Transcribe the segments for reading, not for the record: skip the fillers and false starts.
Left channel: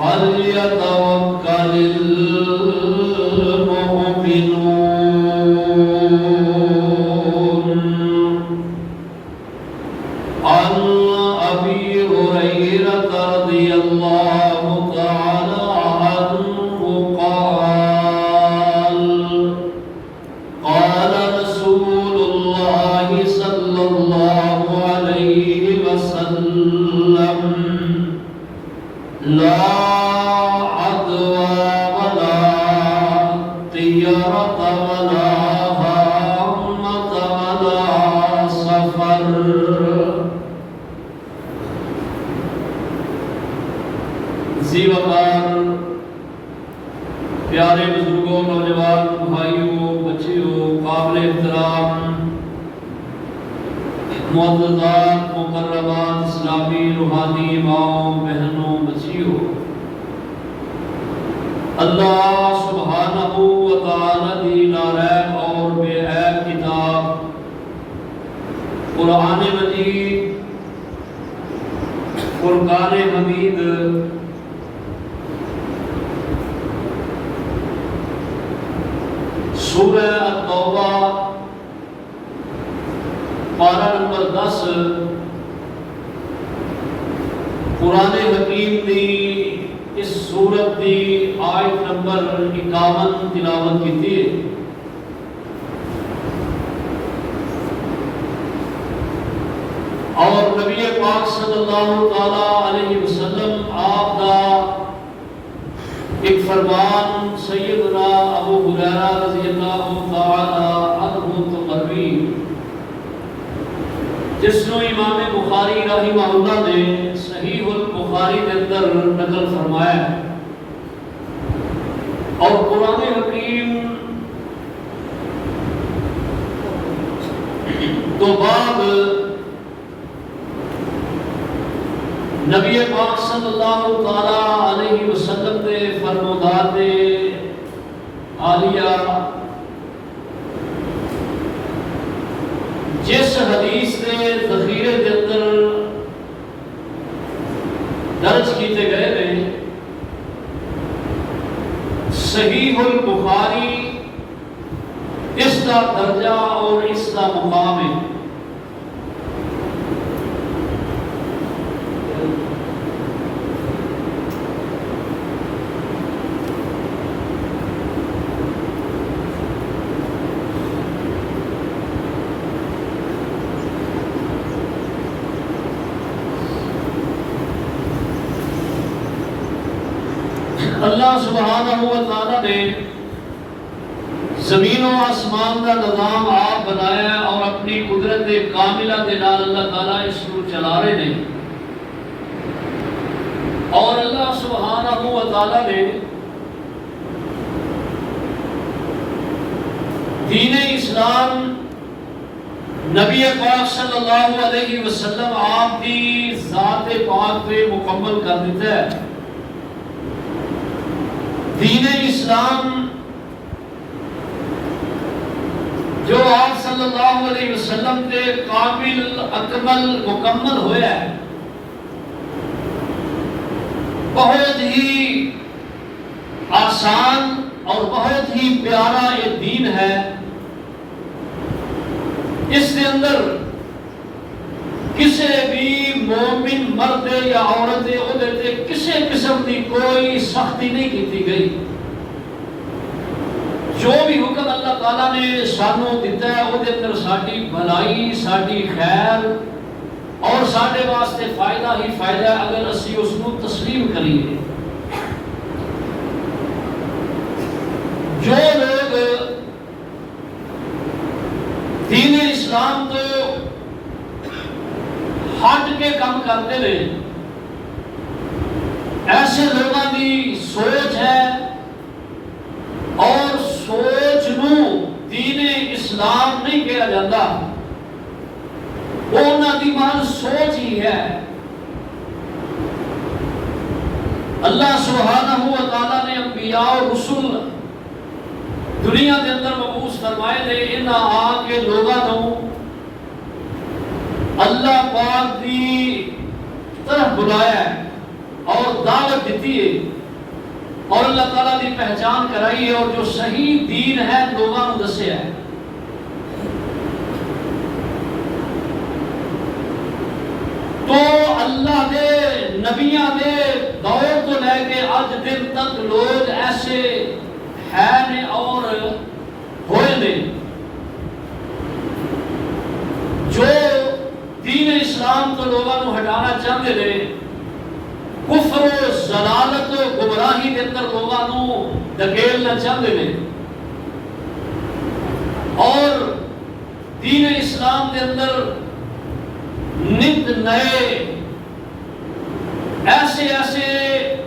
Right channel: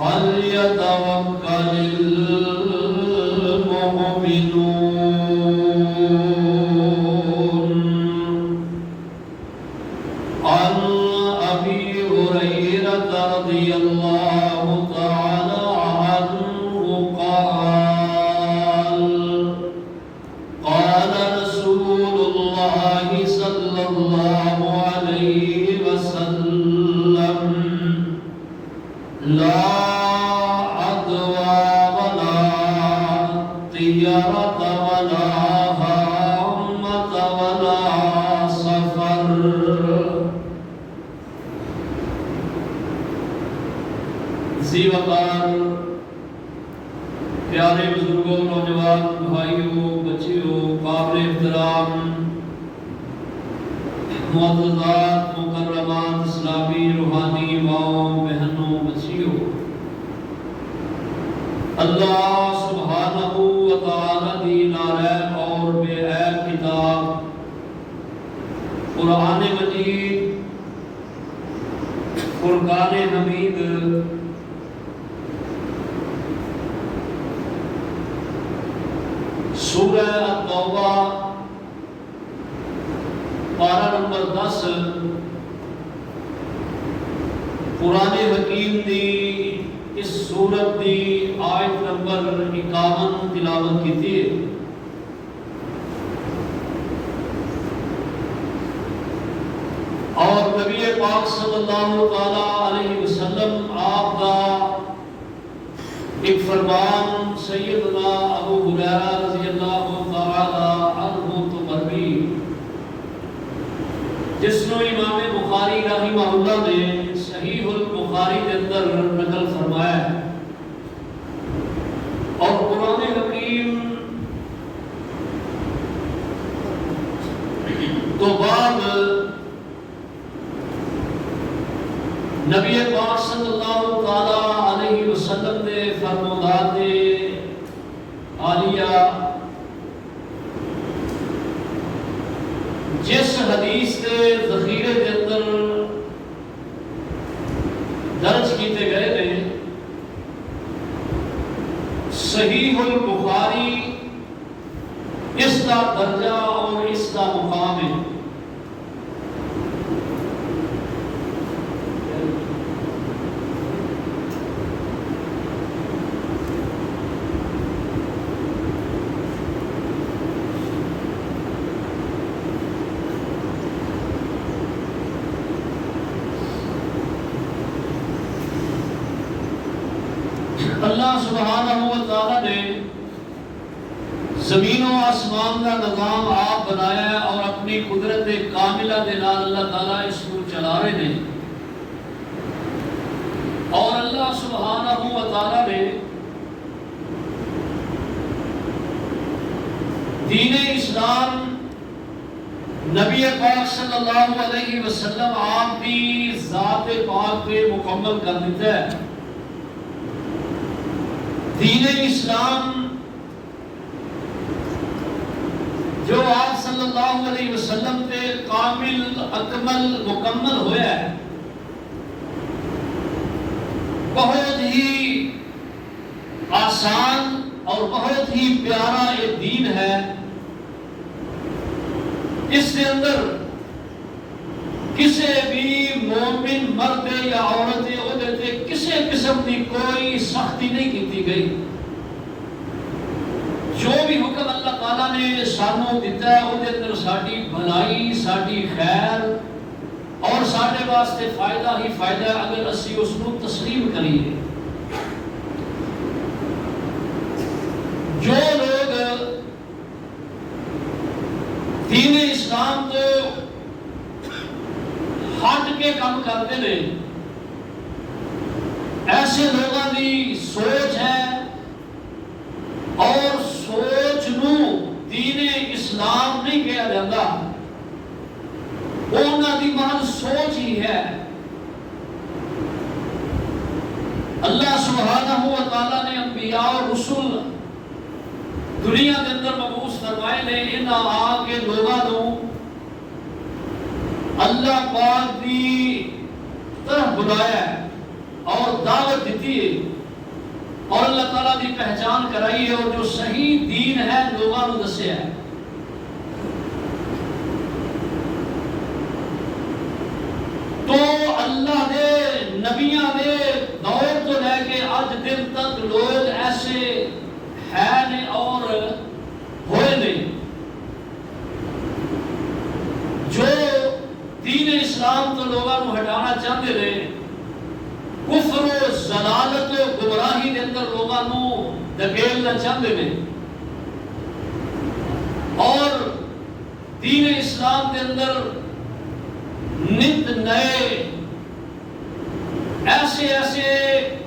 فليتوكل المؤمنون احترام معززات مکرمات اسلامی روحانی ماؤں بہنوں بچیوں، اللہ سبحانہ و تعالی دی ناریب اور بے عیب کتاب قرآن مجید فرقان حمید سورہ التوبہ پارہ نمبر 10 قرآن حکیم دی اس سورت دی آیت نمبر 51 تلاوت کی تھی۔ اور نبی پاک صلی اللہ تعالی علیہ وسلم آپ دا ایک فرمان سیدنا ابو ہریرہ رضی اللہ تعالی عنہ مروی، جس نو امام بخاری رحمہ اللہ نے صحیح البخاری کے اندر نقل فرمایا ہے۔ اور قرآن حکیم تو بعد نبی پاک صلی اللہ تعالی علیہ وسلم نے فرمودات عالیہ جس حدیث کے ذخیرے کے اندر درج کیتے گئے ہیں، صحیح البخاری اس کا درجہ اور اس کا مقام ہے۔ اللہ سبحانہ و تعالی نے زمین و آسمان کا نظام آپ بنایا ہے اور اپنی قدرت کاملہ دے نال اللہ تعالی اس کو چلا رہے ہیں۔ اور اللہ سبحانہ و تعالی نے دین اسلام نبی پاک صلی اللہ علیہ وسلم آپ کی ذات پاک پہ مکمل کر دیتا ہے۔ دین اسلام جو آپ صلی اللہ علیہ وسلم کے کامل اکمل مکمل ہوئے ہے، بہت ہی آسان اور بہت ہی پیارا یہ دین ہے۔ اس کے اندر کسی بھی مومن مرد یا عورت عہدے کسی قسم کی کوئی سختی نہیں کی گئی۔ جو بھی حکم اللہ تعالیٰ نے سانو دیتا ہے وہ دے اندر ساڈی بھلائی، ساڈی خیر اور ساڈے واسطے فائدہ ہی فائدہ ہے اگر اسی اس کو تسلیم کریے۔ جو لوگ دین اسلام کو ہٹ کے کام کرتے رہے، ایسے لوگوں کی سوچ ہے اور سوچ نو دین اسلام نہیں کہا جاتا، وہ انہوں کی محض سوچ ہی ہے۔ اللہ سبحانہ و تعالیٰ نے انبیاء اور رسول دنیا کے اندر مبعوث فرمائے لے انہاں آ کے لوگوں اللہ پاک دی طرف بلایا ہے اور دعوت دیتی ہے اور اللہ تعالیٰ دی پہچان کرائی ہے اور جو صحیح دین ہے لوگوں کو دسیا ہے۔ تو اللہ دے نبیاں دے دور کو لے کے آج دن تک لوگ ایسے ہیں اور ہوئے نے جو دین اسلام تو لوگوں کو ہٹانا چاہتے رہے، کفر و ضلالت و گمراہی کے اندر لوگوں کو دھکیلنا چاہتے رہے اور دین اسلام کے اندر نت نئے ایسے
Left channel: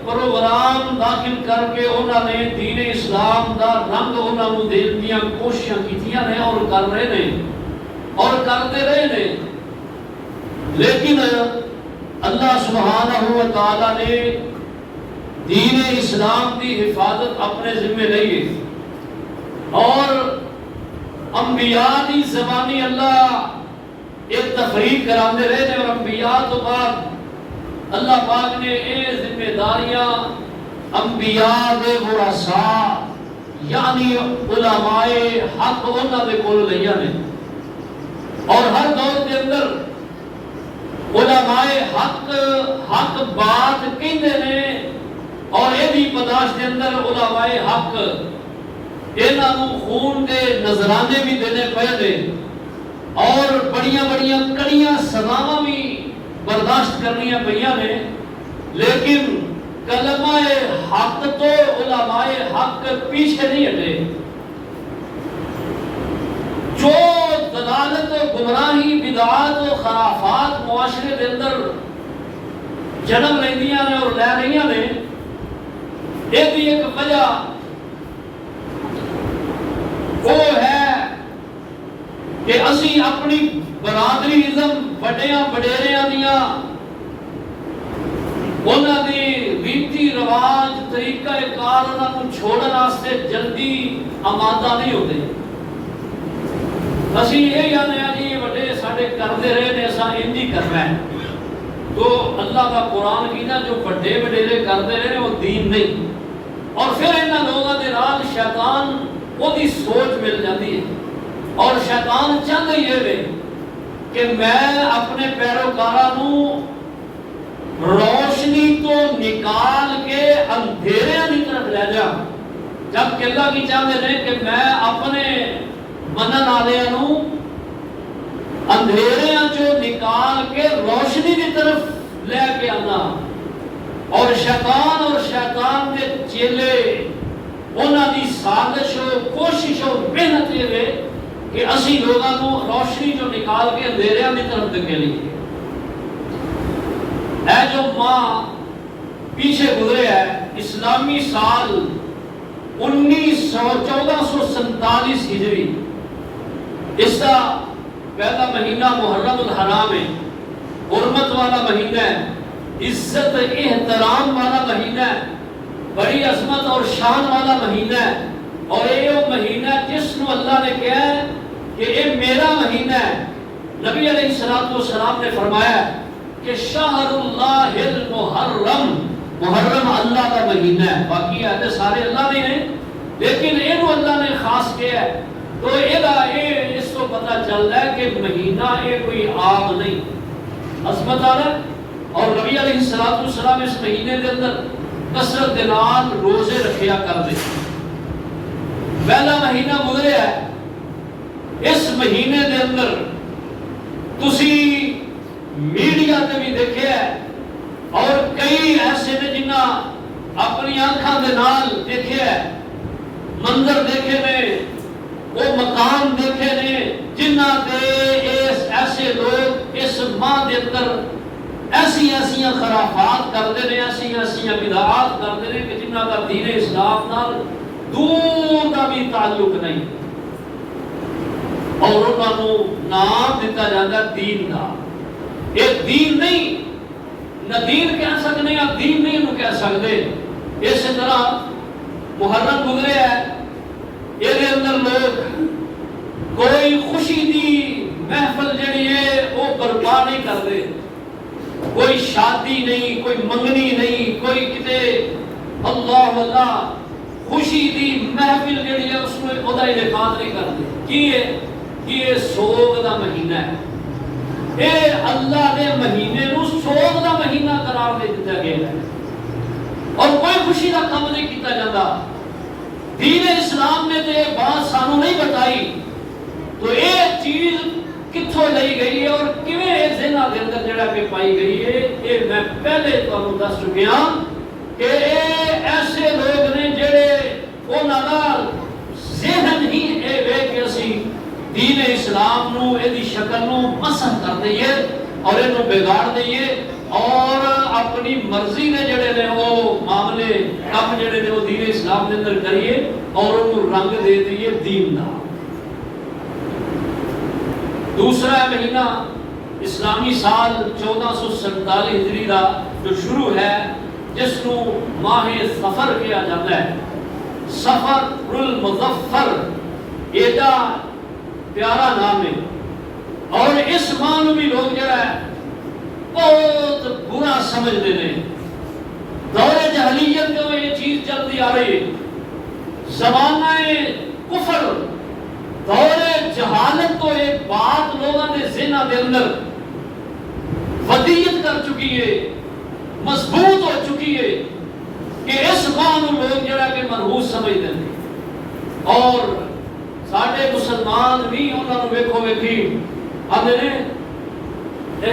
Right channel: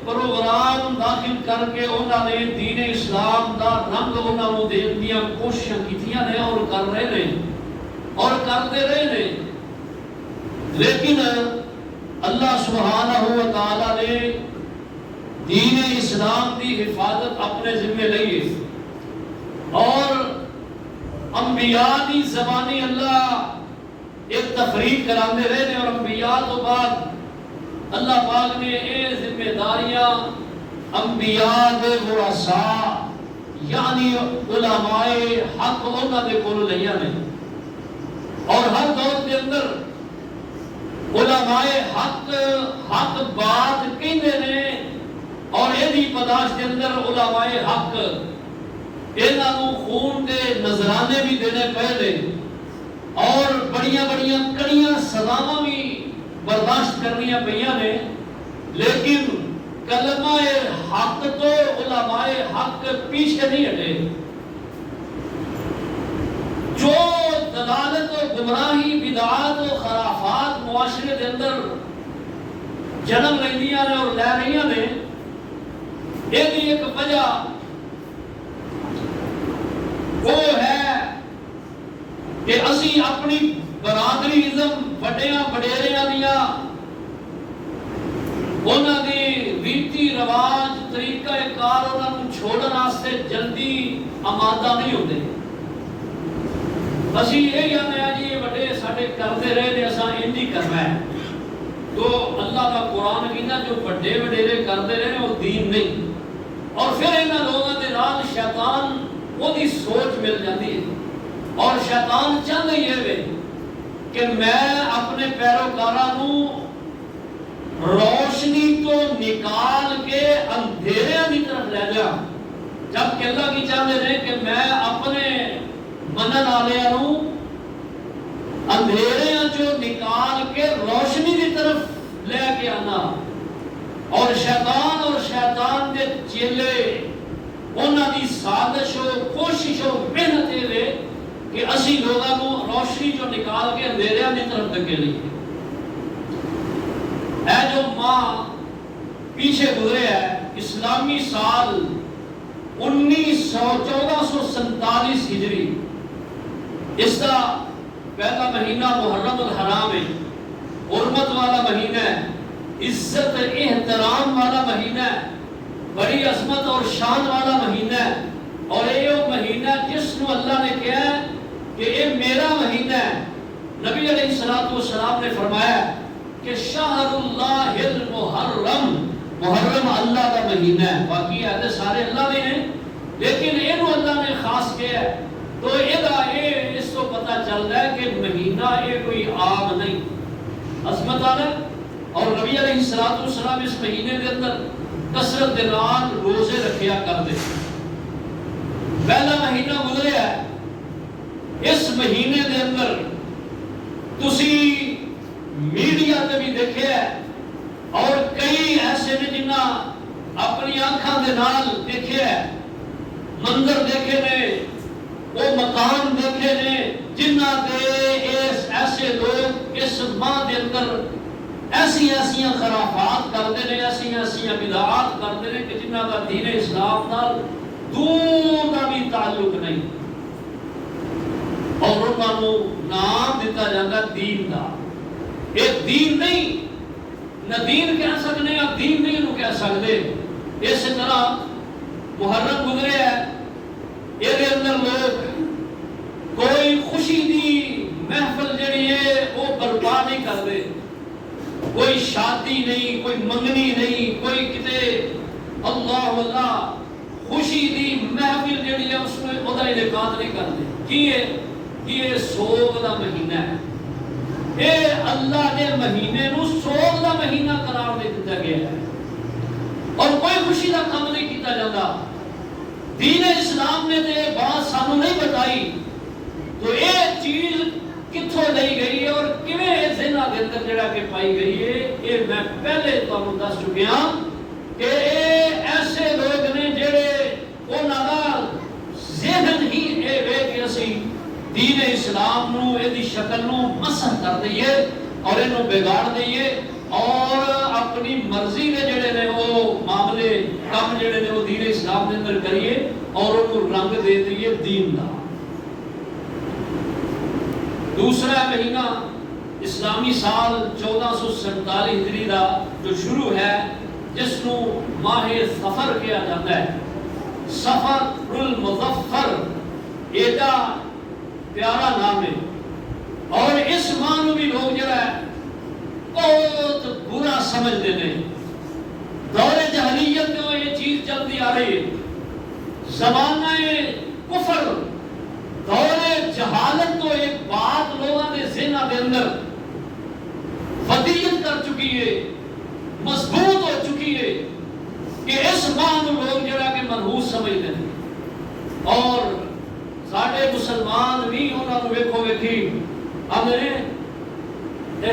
پروگرام داخل کر کے انہوں نے دین اسلام دا رنگ انہوں نے دین دیا کوششاں کیتیاں نے اور کر رہے نے اور کرتے رہے نے، لیکن اللہ سبحانہ و تعالی نے دین اسلام کی حفاظت اپنے ذمہ لئی اور انبیاء کی زبانی اللہ ایک تفریق کراندے رہے نے، اور انبیاء تو بعد اللہ پاک نے یہ ذمہ داریاں انبیاء دے ورثاء یعنی علماء حق انہاں دے کول لیا نے، اور ہر دور کے اندر علماء حق بات کہندے نے، اور یہ بھی برداشت کے اندر علماء حق انہاں نوں خون دے نذرانے بھی دینے پے، اور بڑیاں بڑیاں کڑیاں سزاواں بھی برداشت کرنیاں پئیاں نے، لیکن کلمہ حق تو علماء حق پیچھے نہیں ہٹے۔ جو دلالت و گمراہی بدعات و خرافات معاشرے کے اندر جنم لیندیاں نے اور لے رہیاں نے، یہ بھی ایک وجہ وہ ہے کہ اسی اپنی برادری ازم بڑیاں بڑیریاں دیا انہاں دی ریتی رواج طریقہ کار انہاں کو چھوڑن واسطے جلدی آمادہ نہیں ہوتے۔ اسی یہ جانے ہیں جی بڑے ساڈے کرتے رہے نے اساں انج ہی کرنا ہے، تو اللہ کا قرآن کی نا جو بڑے وڈیرے کرتے رہے نے وہ دین نہیں، اور پھر انہاں لوگاں دے نال شیطان وہ دی سوچ مل جاتی ہے، اور شیطان چاہتا ہی ہے کہ میں اپنے پیروکاراں نوں روشنی تو نکال کے اندھیرے کی طرف لے جاؤں، جب کہ اللہ کی چاہتے ہیں کہ میں اپنے منن والوں نوں اندھیرے جو نکال کے روشنی کی طرف لے کے آنا، اور شیطان کے چیلے انہاں دی سازش و کوشش و محنت یہ ہے کہ اسی لوگاں نوں روشنی جو نکال کے اندھیریاں کی طرف دھکیلی ہے۔ اے جو ماہ پیچھے گزرے ہے اسلامی سال 1447 ہجری، اس کا پہلا مہینہ محرم الحرام ہے، حرمت والا مہینہ ہے، عزت احترام والا مہینہ ہے، بڑی عظمت اور شان والا مہینہ ہے، اور یہ وہ مہینہ جس کو اللہ نے کہا ہے کہ یہ میرا مہینہ ہے۔ نبی علیہ السلام نے فرمایا کہ شہر اللہ المحرم، محرم اللہ کا مہینہ ہے، باقی آتے سارے اللہ نے ہیں، لیکن یہ اللہ نے خاص کیا ہے، تو اس کو پتہ چل رہا ہے کہ مہینہ یہ کوئی آگ نہیں، عظمت آ رہا ہے۔ اور نبی علیہ السلام اس مہینے کے اندر کثرت کے نال روزے رکھیا کر دے۔ پہلا مہینہ گزرے ہے، اس مہینے کے اندر تسی میڈیا تے بھی دیکھے ہے، اور کئی ایسے نے جنہ اپنی آنکھاں دے نال دیکھے ہے، منظر دیکھے نے، وہ مکان دیکھے نے جنہ دے ایسے لوگ اس ماہ دے اندر ایسی خرافات کرتے ہیں، ایسی بدعات کرتے ہیں کہ جنہ کا دین اسلام نال دور کا بھی تعلق نہیں، اور انہوں نے نام دیتا جاتا دین کا۔ ایک دین نہیں، نہ دین کہہ سکتے، آپ دین نہیں انہوں کہہ سکتے۔ اس طرح محرم گزرے ہے، یہ اندر لوگ کوئی خوشی دی محفل جڑی ہے وہ برپا نہیں کرتے، کوئی شادی نہیں، کوئی منگنی نہیں، کوئی کتے اللہ خوشی دی محفل جڑی ہے اس میں خدا انعقاد نہیں کرتے۔ یہ سوگ دا مہینہ ہے، اے اللہ نے مہینے نو سوگ دا مہینہ قرار دے دیتا گیا ہے، اور کوئی خوشی دا کام نہیں کیتا جاتا۔ دین اسلام نے تے بات سانو نہیں بتائی، تو یہ چیز کتھوں لئی گئی ہے اور کیویں اس ذہناں دے اندر جڑا کہ پائی گئی ہے، یہ میں پہلے تانوں دس چکیا کہ ایسے لوگ نے جڑے انہاں نال ذہن ہی اے وے کہ اسی دین اسلام نو ایدی شکل نو مسخ کر دئیے اور اینو بگاڑ دئیے، اور اپنی مرضی نے جڑے نے وہ معاملے کام جڑے نے وہ دین اسلام دے اندر کریے اور انہوں رنگ دے دیئے دین دا۔ دوسرا مہینہ اسلامی سال 1447 ہجری دا جو شروع ہے، جس کو ماہ سفر کیا جاتا ہے، سفر المظفر، ایڈا پیارا نام ہے، اور اس ماہ میں بھی لوگ جڑا ہے بہت برا سمجھ دینے۔ دور جہلیت جو یہ چیز چلتی آ رہی ہے، زمانہ کفر، دور جہالت تو ایک بات لوگوں نے ذہنہ دے اندر ودیت کر چکی ہے، مضبوط ہو چکی ہے کہ اس بات کو لوگ جڑا کہ منحوس سمجھتے ہیں، اور ساڑھے مسلمان بھی انہوں نے ویکھو ویکھی آدھے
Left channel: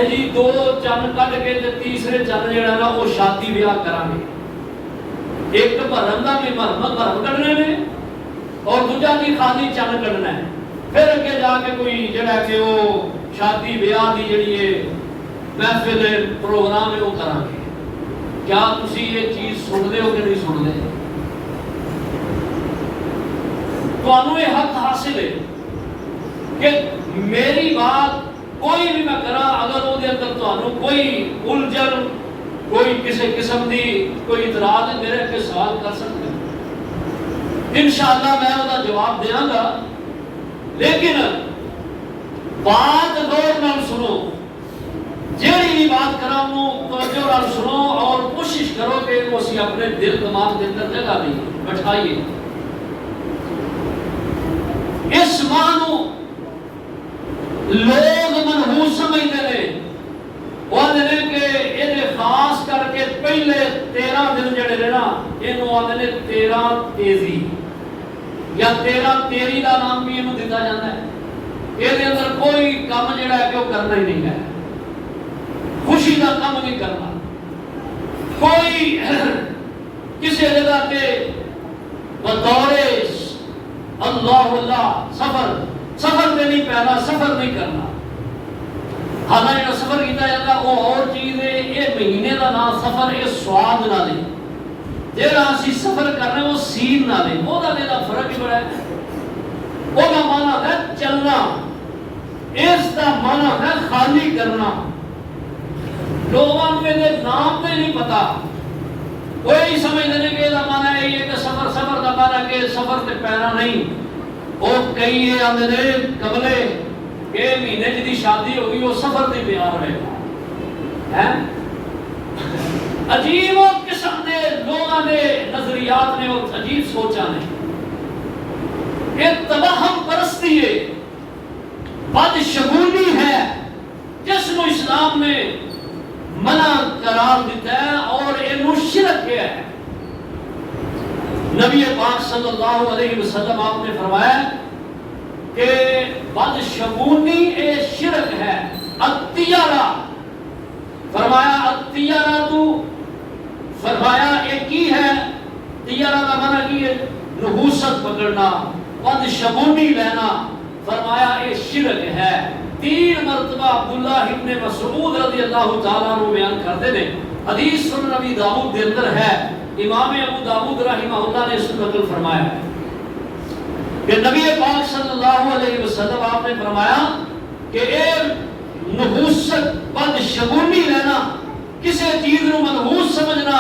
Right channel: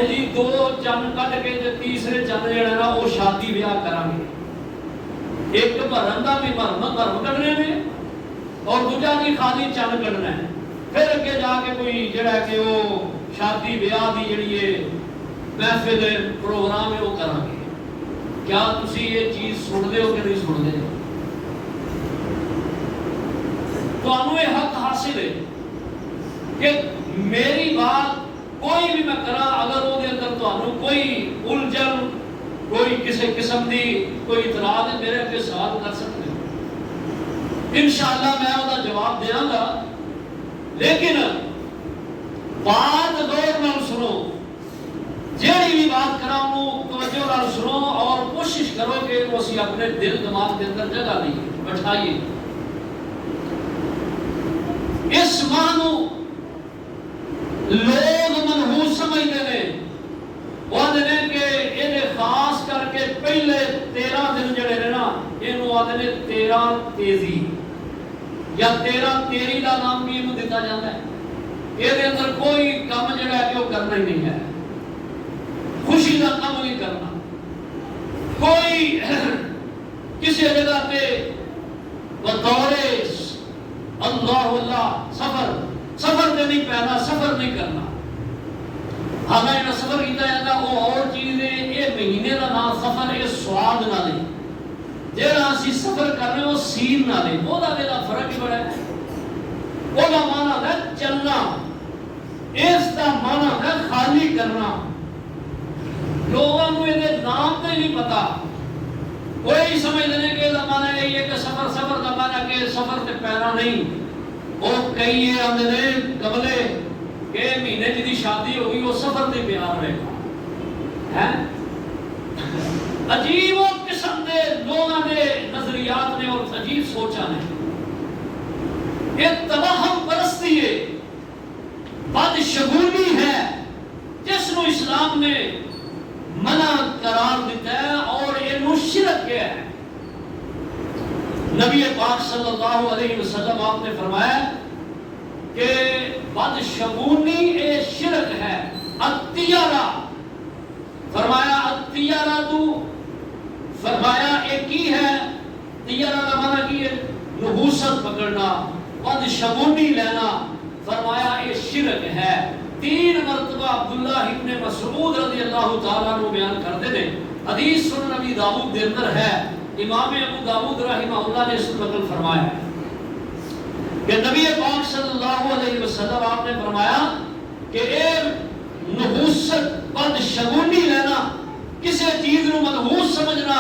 جی دو چند کٹ کے تیسرے چند جڑا نا وہ شادی بیاہ کرانگے، ایک تو بھرندہ بھی بھرم کرنے میں اور دوجا بھی خالی چند کرنا ہے، پھر اگے جا کے کوئی جڑا کہ وہ شادی بیاہ دی جڑی ہے محفل پروگرام ہے وہ کرانگے۔ کیا تسی یہ چیز سن دے ہو کہ نہیں سن دے؟ تو انہوں یہ حق حاصل ہے کہ میری بات کوئی بھی میں کرا، اگر وہ دے اندر تو انہوں کوئی الجھن، کوئی کسی قسم دی کوئی اعتراض ہے، میرے کے سوال کر سکتے ہیں، انشاءاللہ میں انہوں جواب دیاں گا، لیکن بات غور نہ سنو، جیڑی بھی بات کرا انہوں توجہ نہ سنو اور کوشش کرو کہ وہ اسی اپنے دل دماغ کے اندر جگہ دیئے بٹھائیے۔ اس معنی لوگ منحوس سمجھتے ہیں، وہ آدھے کہ انہیں خاص کر کے پہلے 13 دن جڑے رہنا انہوں آدھے 13 تیزی یا 13 تیری کا نام بھی انہوں دیتا جاتا ہے۔ یہ اندر کوئی کام جڑا ہے کہ وہ کرنا ہی نہیں ہے، خوشی کا کام نہیں کرنا، کوئی کسی جگہ تے بطور اللہ سفر دے نہیں پہنا، سفر نہیں کرنا۔ حالانکہ سفر کیتا جاتا وہ اور چیز ہے، یہ مہینے کا نام سفر یہ سواد نہ لے، جہاں اسی سفر کر رہے ہیں وہ سین نہ لے، وہ دا فرق ہی بڑا ہے۔ وہ دا معنی ہے چلنا، اس دا معنی ہے خالی کرنا۔ لوگوں کو یہ نام تے نہیں پتا، وہی سمجھ لینے کہ یہ معنی ہے یہ کہ سفر دا معنی کہ سفر تے پہنا نہیں۔ وہ کئی یہ اندھے قبلے کہ مہینے جدی شادی ہوگی وہ سفر تے پیار رہے گا۔ عجیب و قسم دے لوگوں نے نظریات نے اور عجیب سوچا نے، یہ توہم پرستی ہے، بدشگونی ہے، جس کو اسلام میں منع قرار دیتا ہے اور یہ شرک کیا ہے۔ نبی پاک صلی اللہ علیہ وسلم آپ نے فرمایا کہ بدشگونی یہ شرک ہے۔ الطیرہ فرمایا، الطیرہ تو فرمایا ایک ہی ہے، طیرہ کا معنی کی ہے نحوست پکڑنا، بدشگونی لینا، فرمایا یہ شرک ہے۔ 3 مرتبہ عبداللہ ابن مسعود رضی اللہ تعالیٰ عنہ بیان کرتے ہیں، حدیث سنن نبی داؤد کے اندر ہے، امام ابو داؤد رحمہ اللہ نے اس کو نقل فرمایا کہ نبی پاک صلی اللہ علیہ وسلم آپ نے فرمایا کہ ایک نحوست بدشگونی لینا، کسی چیز کو منحوس سمجھنا،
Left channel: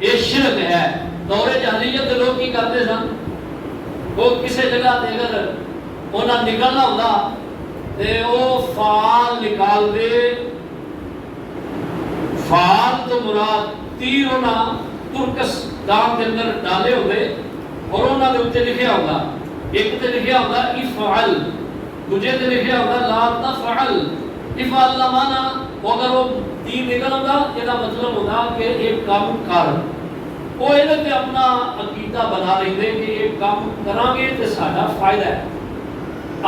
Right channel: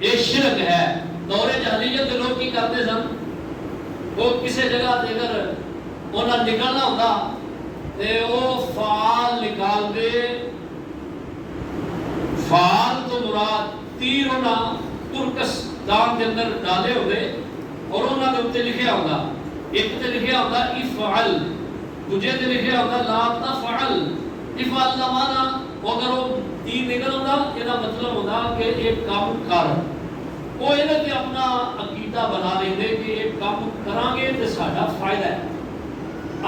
یہ شرک ہے۔ دور جاہلیت کے لوگ کی کرتے سن، وہ کسی جگہ تے اگر انہاں نکلنا ہوتا تے وہ فال نکال دے، فال تو مراد تیر انہاں ترکستان کے اندر ڈالے ہوئے اور انہاں دے اوپر لکھیا ہوگا، ایک تے لکھیا ہوگا افعل، دوجے تے لکھیا ہوگا لا تفعل۔ افعل کا معنی اگر وہ تیر نکل ہوتا یہ مطلب ہوتا کہ ایک کام کر، وہ یہ اپنا عقیدہ بنا لیں گے کہ ایک کام کریں گے تو ساڈا فائدہ ہے۔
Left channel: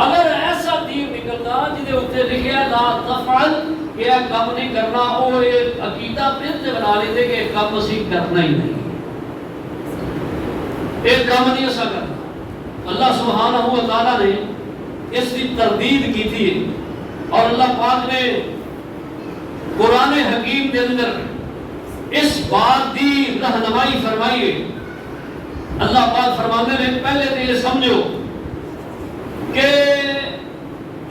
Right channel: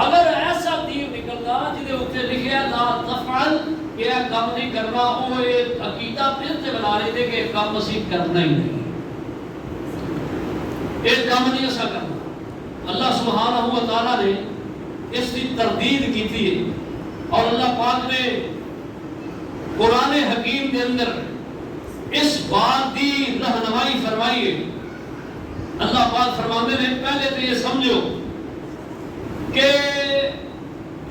اگر ایسا تیر نکلتا جہاں اتنے لکھا لا تفعل یہ کام نہیں کرنا، وہ ایک عقیدہ پھر سے بنا لیتے کہ ایک کام اسی کرنا ہی نہیں، ایک کام نہیں ایسا کرنا۔ اللہ سبحانہ و تعالیٰ نے اس کی تردید کی تھی اور اللہ پاک نے قرآن حکیم کے اندر اس بات کی رہنمائی فرمائیے. اللہ پاک فرمانے نے پہلے تو یہ سمجھو کہ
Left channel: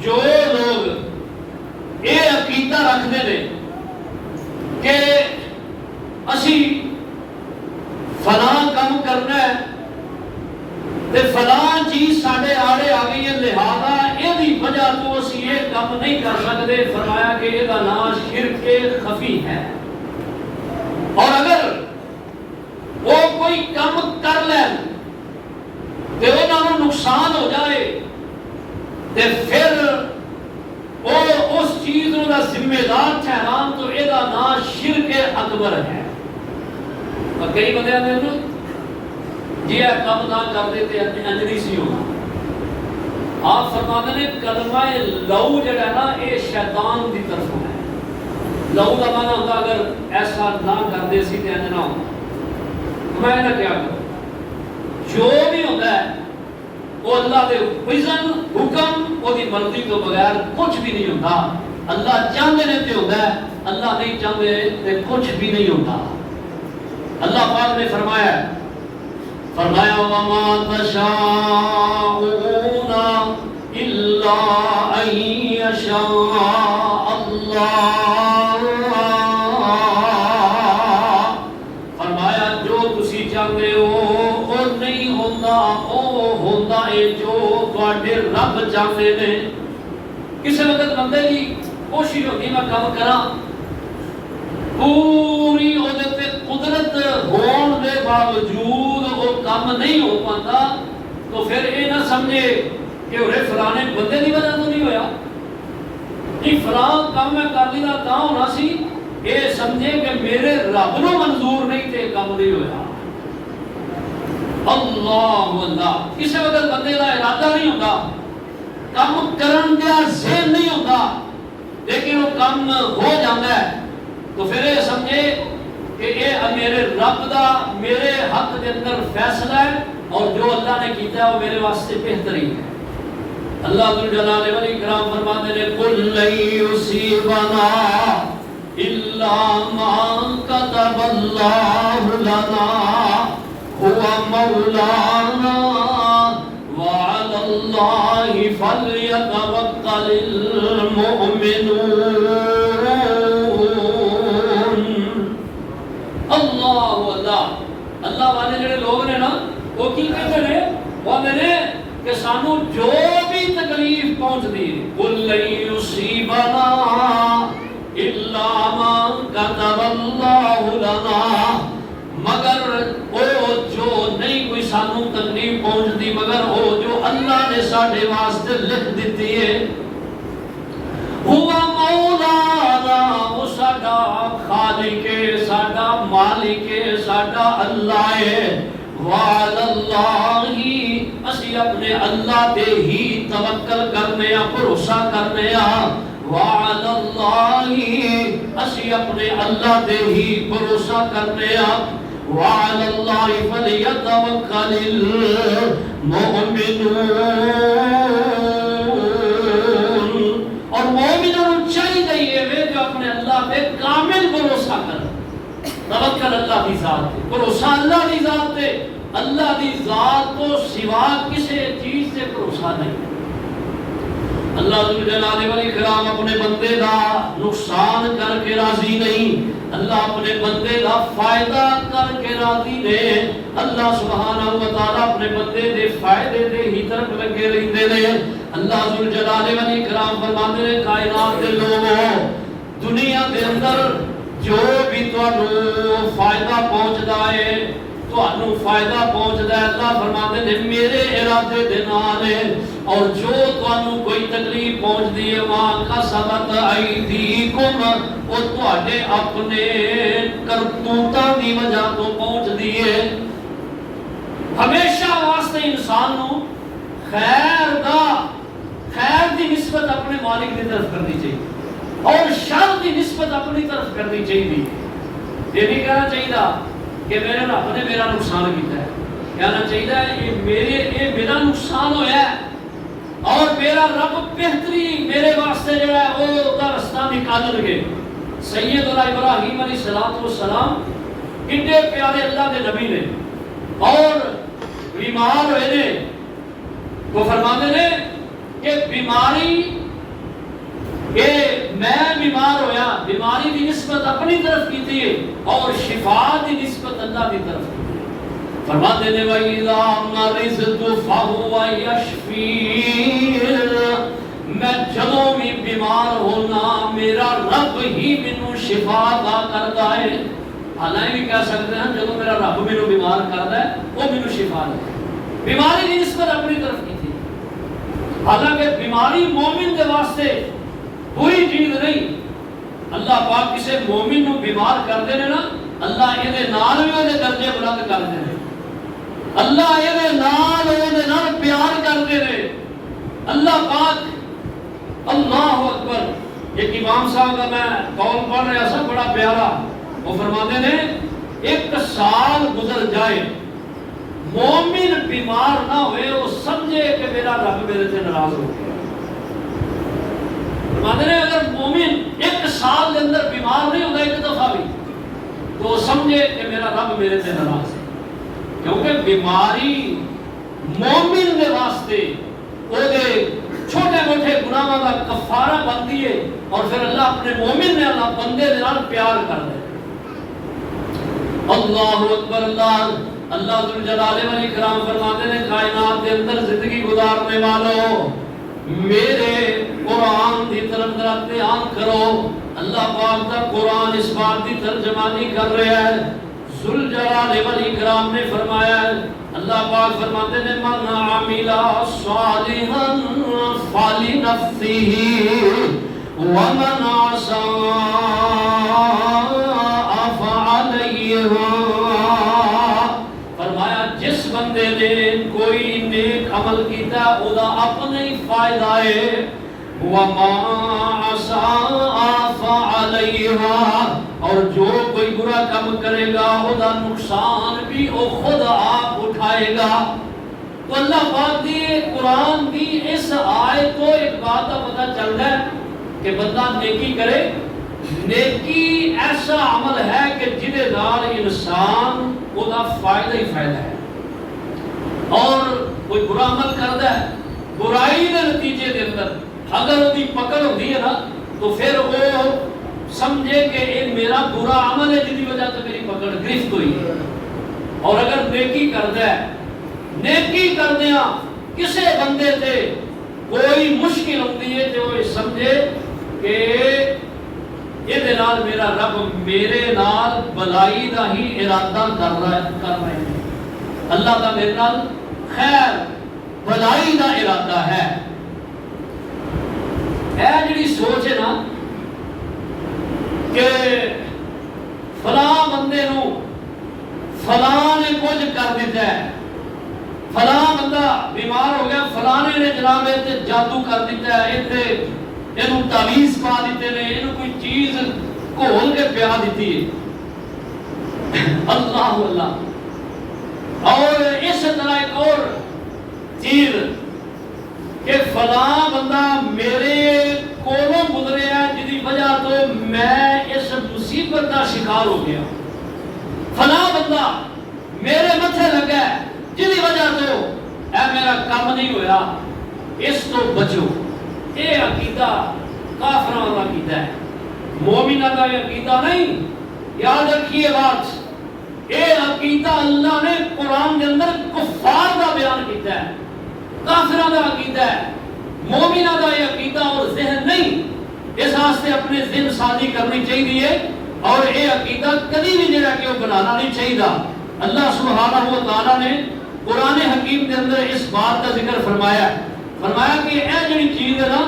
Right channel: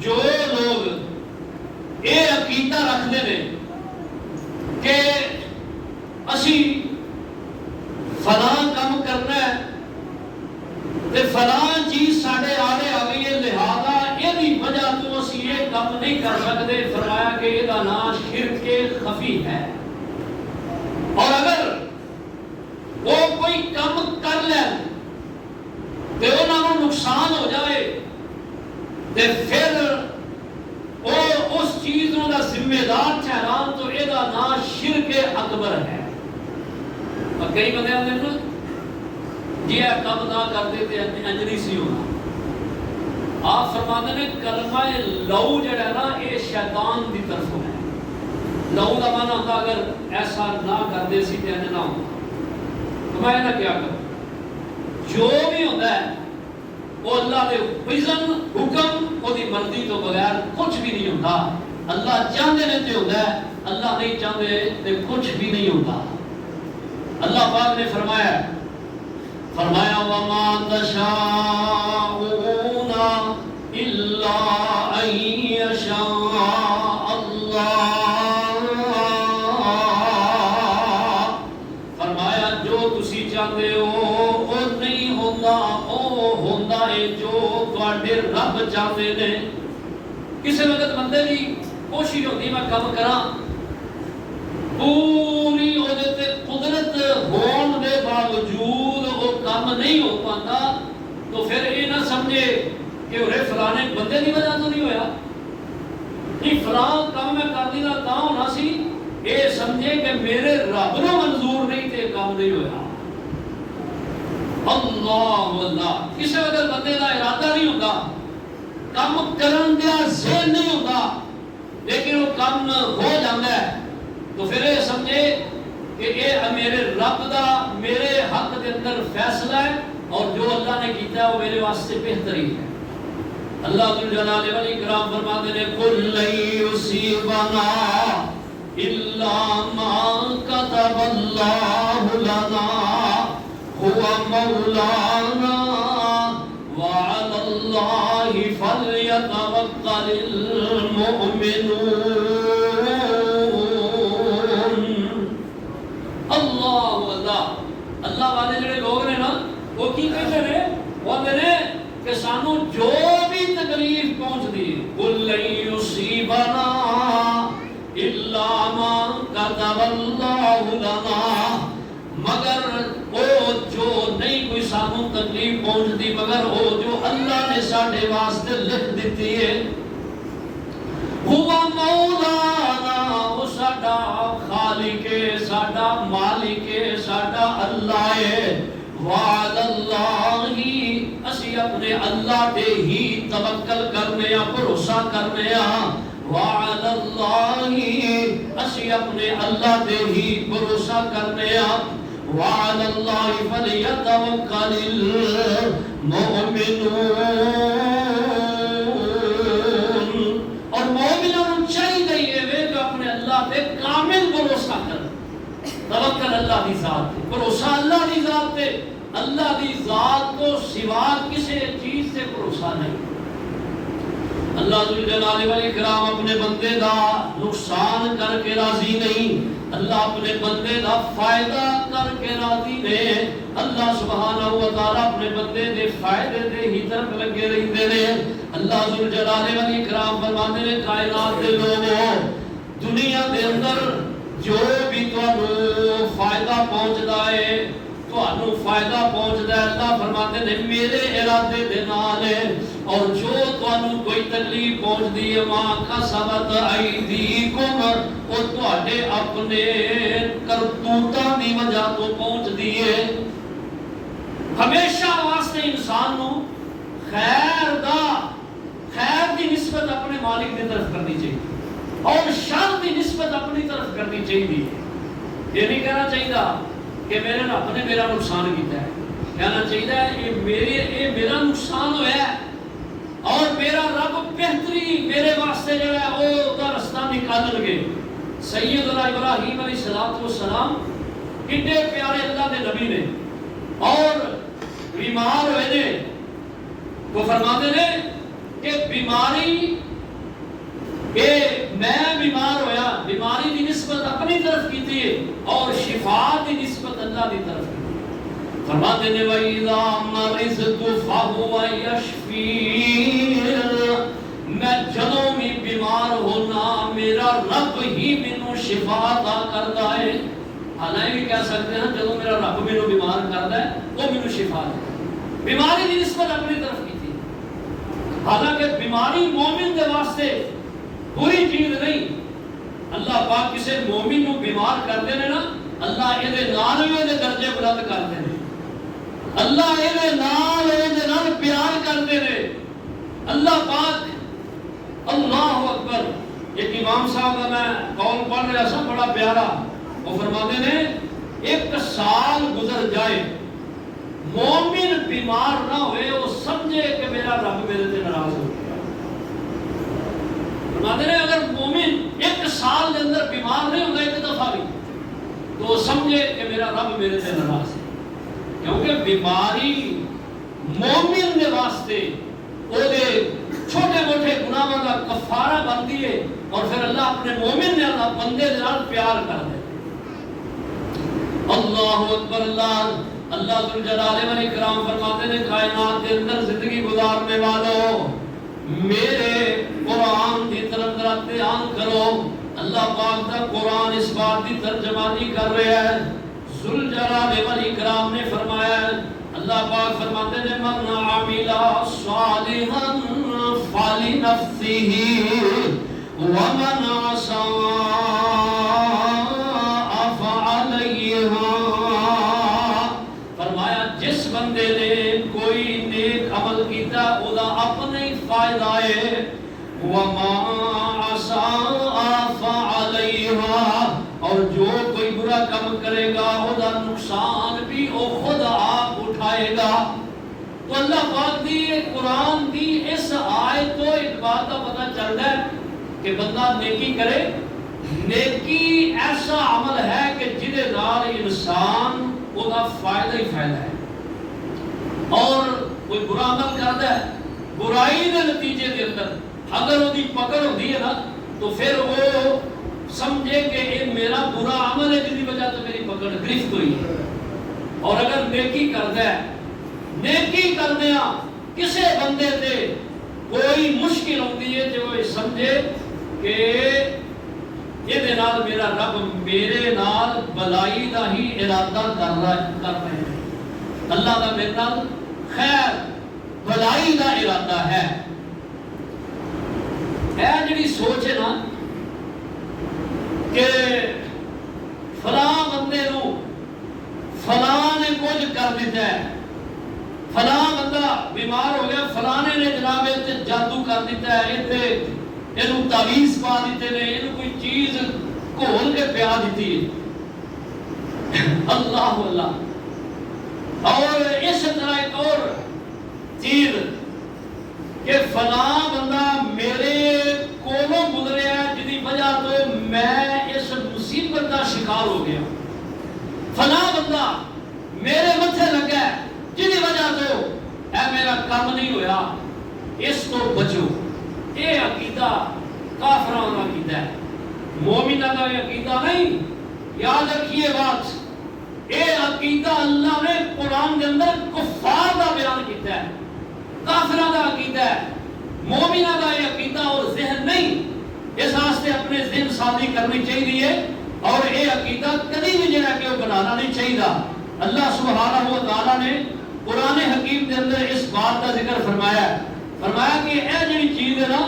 جو لوگ یہ عقیدہ رکھتے ہیں کہ اسی فلاں کام کرنا ہے تے فلاں چیز ساڈے آڑے آ گئی ہے لہذا یہ وجہ تو اسی یہ کام نہیں کر سکتے. فرمایا کہ یہ نام شرک خفی ہے. اور اگر وہ کوئی کام کر لے تے انہاں نقصان ہو جائے تے پھر وہ اس چیز کا ذمہ دار ٹھہران تو یہ نام شرک اکبر ہے. اور کئی بندے آتے ہیں جی یہ کام نہ کرتے تے انجلی سی ہونا. آپ فرماتے ہیں کلمہ لو جڑا ہے نا یہ شیطان دی طرف ہے. لو کا معنی ہوتا اگر ایسا نہ کرتے سی تے انج نہ ہوتا. میں نہ کیا کروں جو بھی ہوتا ہے وہ اللہ دے اذن حکم وہ دی مرضی تو بغیر کچھ بھی نہیں ہوتا. اللہ چاہتے نے تے ہوتا ہے, اللہ نہیں چاہتے تے کچھ بھی نہیں ہوتا. اللہ پاک نے فرمایا وَمَا تَشَاءُونَ إِلَّا أَن يَشَاءَ اللَّهُ. فرمایا جو تسی چاہتے ہو وہ نہیں ہوتا, وہ ہوتا ہے جو تواڈے رب چاہتے نے. کسی وقت بندے کی کوشش ہوتی میں کام کراں پوری عہدے قدرت ہون دے باوجود وہ کام نہیں ہو پاتا تو پھر یہ نہ سمجھے کہ وہ فلانے بندے کی وجہ تو نہیں ہویا. یہ فلاں کام میں کر لیا تا ہونا سی, یہ سمجھے کہ میرے رب نو منظور نہیں تے کام نہیں ہویا. اللہ اللہ کسی وقت بندے کا ارادہ نہیں ہوتا, کام کرن دیا ذہن نہیں ہوتا, لیکن وہ کام ہو جاتا ہے تو پھر یہ سمجھے کہ یہ میرے رب دا میرے حق کے اندر فیصلہ ہے اور جو اللہ نے کیتا ہے وہ میرے واسطے بہترین ہے. اللہ ذوالجلال والاکرام فرماتے ہیں قُلْ لَن يُصِيبَنَا إِلَّا مَا كَتَبَ اللَّهُ لَنَا هُوَ مَوْلَانَا وَعَلَى اللَّهِ فَلْيَتَوَكَّلِ الْمُؤْمِنُونَ. اللہ والے جڑے لوگ نے نا وہ کی کہتے ہیں, وہ میرے کہ سانو جو بھی تکلیف پہنچتی قُلْ لَن يُصِيبَنَا إِلَّا مَا كَتَبَ اللَّهُ لَنَا, مگر وہ جو نہیں کوئی سانو تکلیف پہنچتی مگر وہ جو اللہ نے ساڈے واسطے لکھ دیتی ہے. هُوَ مَوْلَانَا, وہ ساڈا خالق ہے, ساڈا مالک ہے, ساڈا اللہ ہے. وَعَلَى اللَّهِ اسی اپنے اللہ دے ہی توکل کرنے یا بھروسہ کرنے یا. وَعَلَى اللَّهِ اسی اپنے اللہ دے ہی بھروسہ کرنے یا. وَعَلَى اللَّهِ فَلْيَتَوَكَّلِ الْمُؤْمِنُونَ. اور مومنوں چاہیے وہ جو اپنے اللہ پہ کامل بھروسہ کر. توکل اللہ دی ذات پہ, بھروسہ اللہ دی ذات پہ, اللہ دی ذات کو سوا کسی چیز سے بھروسہ نہیں. اللہ ذوالجلال والاکرام اپنے بندے دا نقصان کر کے راضی نہیں, اللہ اپنے بندے دا فائدہ کر کے راضی نے. اللہ سبحانہ و تعالی اپنے بندے دے فائدے دے ہی طرف لگے رہندے نے. اللہ ذوالجلال والاکرام فرماتے ہیں کائنات دے لوگوں دنیا دے اندر جو بھی تانوں فائدہ پہنچدا ہے تانوں فائدہ پہنچدا ہے اللہ فرماتے ہیں میرے ارادے دے نال ہے. اور جو تانوں کوئی تکلیف پہنچدی ہے ماں کا سبت ایدیکم وہ تواڈے اپنے کرتوتاں دی وجہ تو پہنچدی ہے. ہمیشہ واسطے انسان نو خیر دی نسبت اپنے مالک کی طرف کرنی چاہیے اور شر دی نسبت اپنی طرف کرنی چاہیے. یہ نہیں کہنا چاہیے کہ میرے رب نے میرا نقصان کیتا ہے, کہنا چاہیے یہ میرا نقصان ہوا ہے اور میرا رب بہتری میرے واسطے جو ہے وہ رستہ نکال گے. سیدنا ابراہیم علیہ السلام کتنے پیارے اللہ کے نبی نے اور بیمار ہوئے نے تو فرماتے نے کہ بیماری کہ میں بیمار ہویا بیماری کی نسبت اپنی طرف کی تھی اور شفا کی نسبت اللہ کی طرف کی تھی فرماتے نے وَإِذَا مَرِضْتُ فَهُوَ يَشْفِينِ میں جدوں بھی بیمار ہونا میرا رب ہی مینوں شفا عطا کرتا ہے حالانکہ بھی کہہ سکتے ہیں جدوں میرا رب مینوں بیمار کرتا ہے وہ مینوں شفا دیتا ہے بیماری کی نسبت اپنی طرف کی تھی حالانکہ بیماری مومن کے واسطے بری چیز نہیں اللہ پاک کسی مومن کو بیمار کر دے نا اللہ یہ نال بھی درجے بلند کر دے اللہ یہ نال پیار کر دے اللہ پاک اللہ اکبر ایک امام صاحب کا میں قول پڑھ رہا سا بڑا پیارا وہ فرماتے ہیں ایک سال گزر جائے مومن بیمار نہ ہوئے وہ سمجھے کہ میرا رب میرے سے ناراض ہو گیا فرماتے ہیں اگر مومن ایک سال کے اندر بیمار نہیں ہوگا ایک دفعہ بھی تو وہ سمجھے کہ میرا رب میرے سے ناراض ہے کیونکہ بیماری مومن کے واسطے وہ چھوٹے موٹے گناہوں کا کفارہ بنتی ہے اور پھر اللہ اپنے مومن نے اللہ بندے دے نال پیار کر دے اللہ اکبر اللہ ذو الجلال والاکرام فرماتے ہیں کائنات کے اندر زندگی گزارنے والوں میرے قرآن کی طرف دھیان کرو اللہ پاک کا قرآن اس بات کی ترجمانی کر رہا ہے ذو الجلال والاکرام نے فرمایا اللہ پاک فرماتے ہیں من عمل صالحا فلنفسه ومن عصى فعليها فرمایا جس بندے نے کوئی نیک عمل کیتا او دا اپنے ہی فائدہ ہے وَمَا عَصَىٰ فَعَلَيْهَا اور جو کوئی برا کام کرے گا او دا نقصان بھی او خود آپ اٹھائے گا تو اللہ پاک دی قرآن دی اس آیت کو ایک بات کا پتہ چلتا ہے کہ بندہ نیکی کرے نیکی ایسا عمل ہے کہ جدے نال انسان او دا فائدہ ہی فائدہ ہے اور کوئی برا عمل کرتا ہے برائی کے نتیجے کے اندر اگر وہ پکڑ ہوتی ہے نا تو پھر وہ سمجھے کہ یہ میرا برا عمل ہے جس کی وجہ سے میری پکڑ گرفت ہوئی ہے اور اگر نیکی کرتا ہے نیکی کردیا کسی بندے سے کوئی مشکل ہوتی ہے تو وہ سمجھے کہ یہ نال میرا رب میرے نال بلائی دا ہی ارادہ کر رہا ہے اللہ کا میرے نال خیر بلائی دا ارادہ ہے جڑی سوچ ہے نا کہ فلاں بندے نو فلاں نے کچھ کر دیتا ہے فلاں بندہ بیمار ہو گیا فلانے نے جناب جادو کر دیتا ہے یہ تعویذ پا دیتے نے یہ کوئی چیز گھول کے پیا دیتی ہے اللہ اللہ اور اس طرح ایک اور چیز کہ فلاں بندہ میرے کولوں گزرے ہے جس کی وجہ تو میں اس مصیبت کا شکار ہو گیا فلاں بندہ میرے متھے لگا ہے جس کی وجہ تو اے میرا کام نہیں ہویا اس تو بچو یہ عقیدہ کافراں کا عقیدہ ہے مومنہ کا عقیدہ نہیں یاد رکھیے بات یہ عقیدہ اللہ نے قرآن کے اندر کفار کا بیان کیتا ہے کافرہ کا عقیدہ ہے مومنہ کا یہ عقیدہ اور ذہن نہیں اس واسطے اپنے ذہن سازی کرنی چاہیے اور یہ عقیدہ کبھی بھی جڑا کہ وہ بنانا نہیں چاہیے اللہ سبحانہ و تعالیٰ نے قرآن حکیم کے اندر اس بات کا ذکر فرمایا کہ اے جڑی چیز ہے نا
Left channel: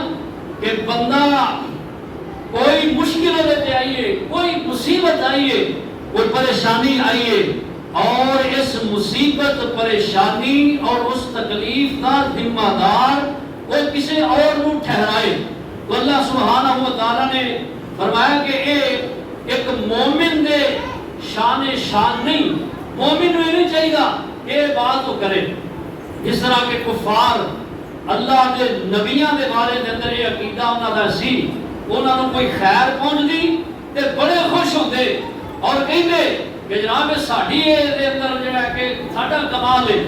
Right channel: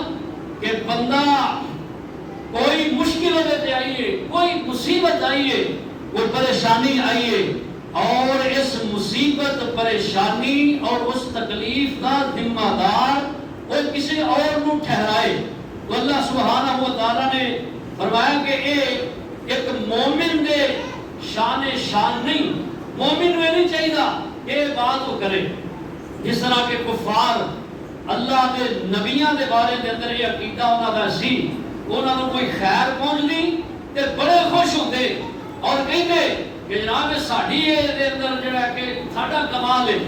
کہ بندہ کوئی مشکل ہوتے آئیے کوئی مصیبت آئیے کوئی پریشانی آئیے اور اس مصیبت پریشانی اور اس تکلیف کا ذمہ دار کوئی کسی اور کو ٹھہرائے تو اللہ سبحانہ و تعالیٰ نے فرمایا کہ ایک مومن دے شان نہیں مومن میں نہیں چاہیے کہ یہ بات تو کرے جس طرح کے کفار اللہ کے نبیوں کے بارے کے اندر یہ عقیدہ انہوں کا سی انہوں نے کوئی خیر پہنچ دی تے بڑے خوش ہوتے اور کہتے کہ جناب ساڈی دے اندر جڑا کہ ساڈا کمال ہے،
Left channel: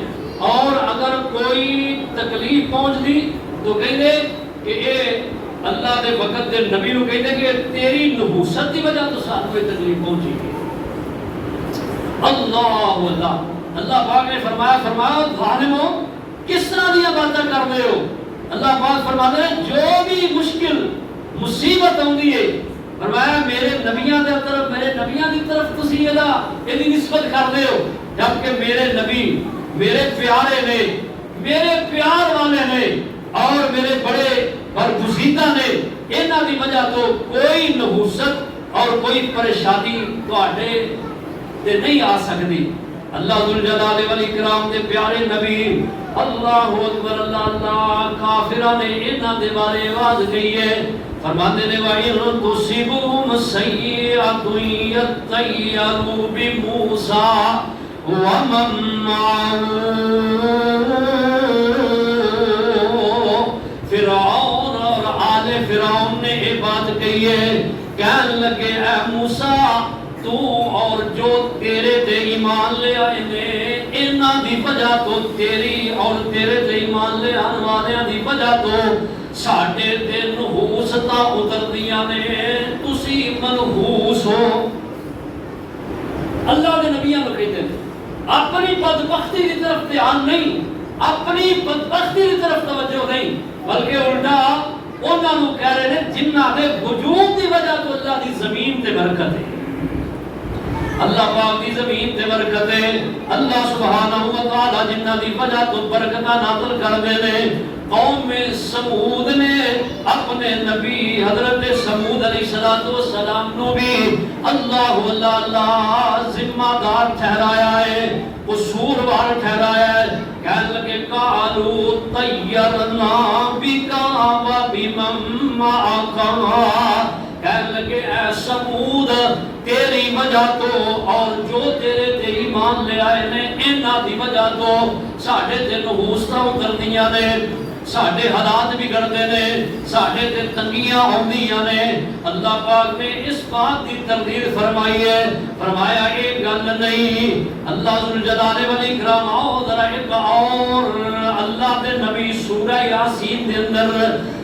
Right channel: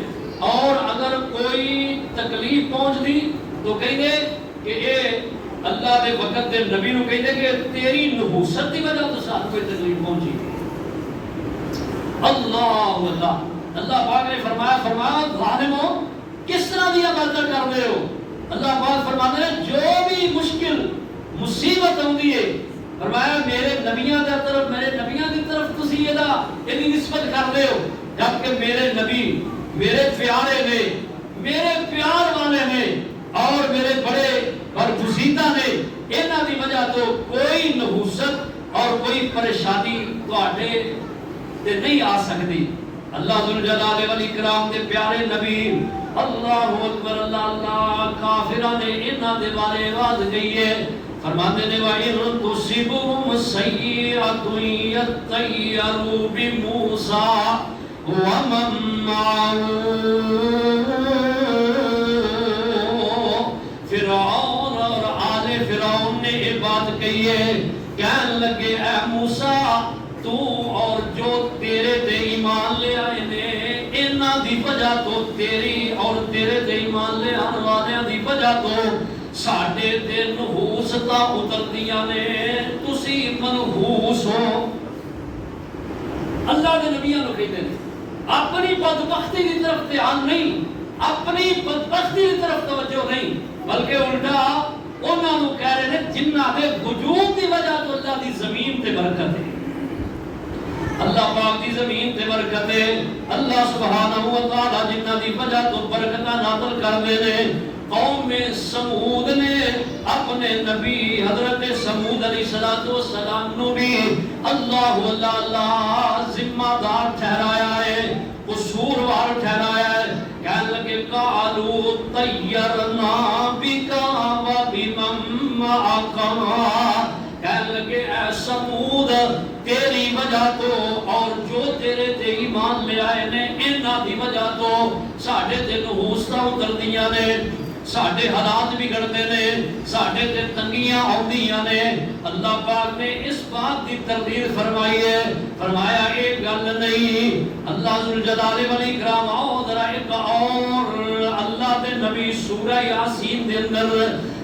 اور اگر کوئی تکلیف پہنچتی تو کہتے کہ اے اللہ دے وقت دے نبی نو کہتے کہ تیری نحوست کی وجہ تو ساتھ کوئی تکلیف پہنچی. اللہ اللہ پاک نے فرمایا ظالمو کس طرح دی باتیں کر رہے ہو. اللہ پاک فرماتے ہیں جو بھی مشکل مصیبت ہوندی ہے فرمایا میرے نبیاں دے طرف میرے نبیاں دی طرف تسی یہ نسبت کر رہے ہو، جبکہ میرے نبی میرے پیارے نے، میرے پیار والے نے اور میرے بڑے برگزیدہ نے. انہاں دی وجہ تو کوئی نحوست اور کوئی پریشانی تواڈے تے نہیں آ سکتی. اللہ ذوالجلال والاکرام دے پیارے نبی اللہ اکبر اللہ اللہ کافراں نے انہاں دے بارے آواز کہی ہے، فرماتے ہیں وَإِن تُصِبْهُمْ سَيِّئَةٌ يَطَّيَّرُوا بِمُوسَىٰ وَمَن مَّعَهُ. فرعون اور آل فرعون نے یہ بات کہی ہے، کہنے لگے اے موسیٰ تو اور جو تیرے تے ایمان لے آئے نے انہاں دی وجہ تو تیری اور تیرے تے ایمان لے آنے والے دی وجہ تو ساڈے تے نحوستاں اتردیاں نے، تسی منحوس ہو. اللہ دے نبیاں نو کہتے ہیں اپنی بدبختی کی طرف دھیان نہیں، اپنی بدبختی کی طرف توجہ نہیں، بلکہ الٹا انہاں نو کہہ رہے ہیں جنہاں دے وجود دی وجہ تو اللہ دی زمین تے برکت ہے، اللہ پاک دی زمین تے برکت ہے. اللہ سبحانہ و تعالی جنہاں دی وجہ تو برکتاں نازل کر دے نے. قوم سمود نے اپنے نبی حضرت سمود علیہ السلام نو بھی اللہ ذمہ دار ٹھہرایا ہے، قصوروار ٹھہرایا ہے. کہنے لگے قالوا طیرنا بک وبمن معک، کہنے لگے اے سمود تیری وجہ تو اور جو تیرے تے ایمان لے آئے نے انہاں دی وجہ تو ساڈے تے نحوستاں اتردیاں نے، ساڈے حالات بگڑتے نے، ساڈے تے تنگیاں ہوندیاں نے. اللہ پاک نے اس بات کی تردید فرمائی ہے، فرمایا ایک گل نہیں. اللہ ذوالجلال والاکرام آؤ ذرا ایک اور اللہ دے نبی سورہ یاسین دے اندر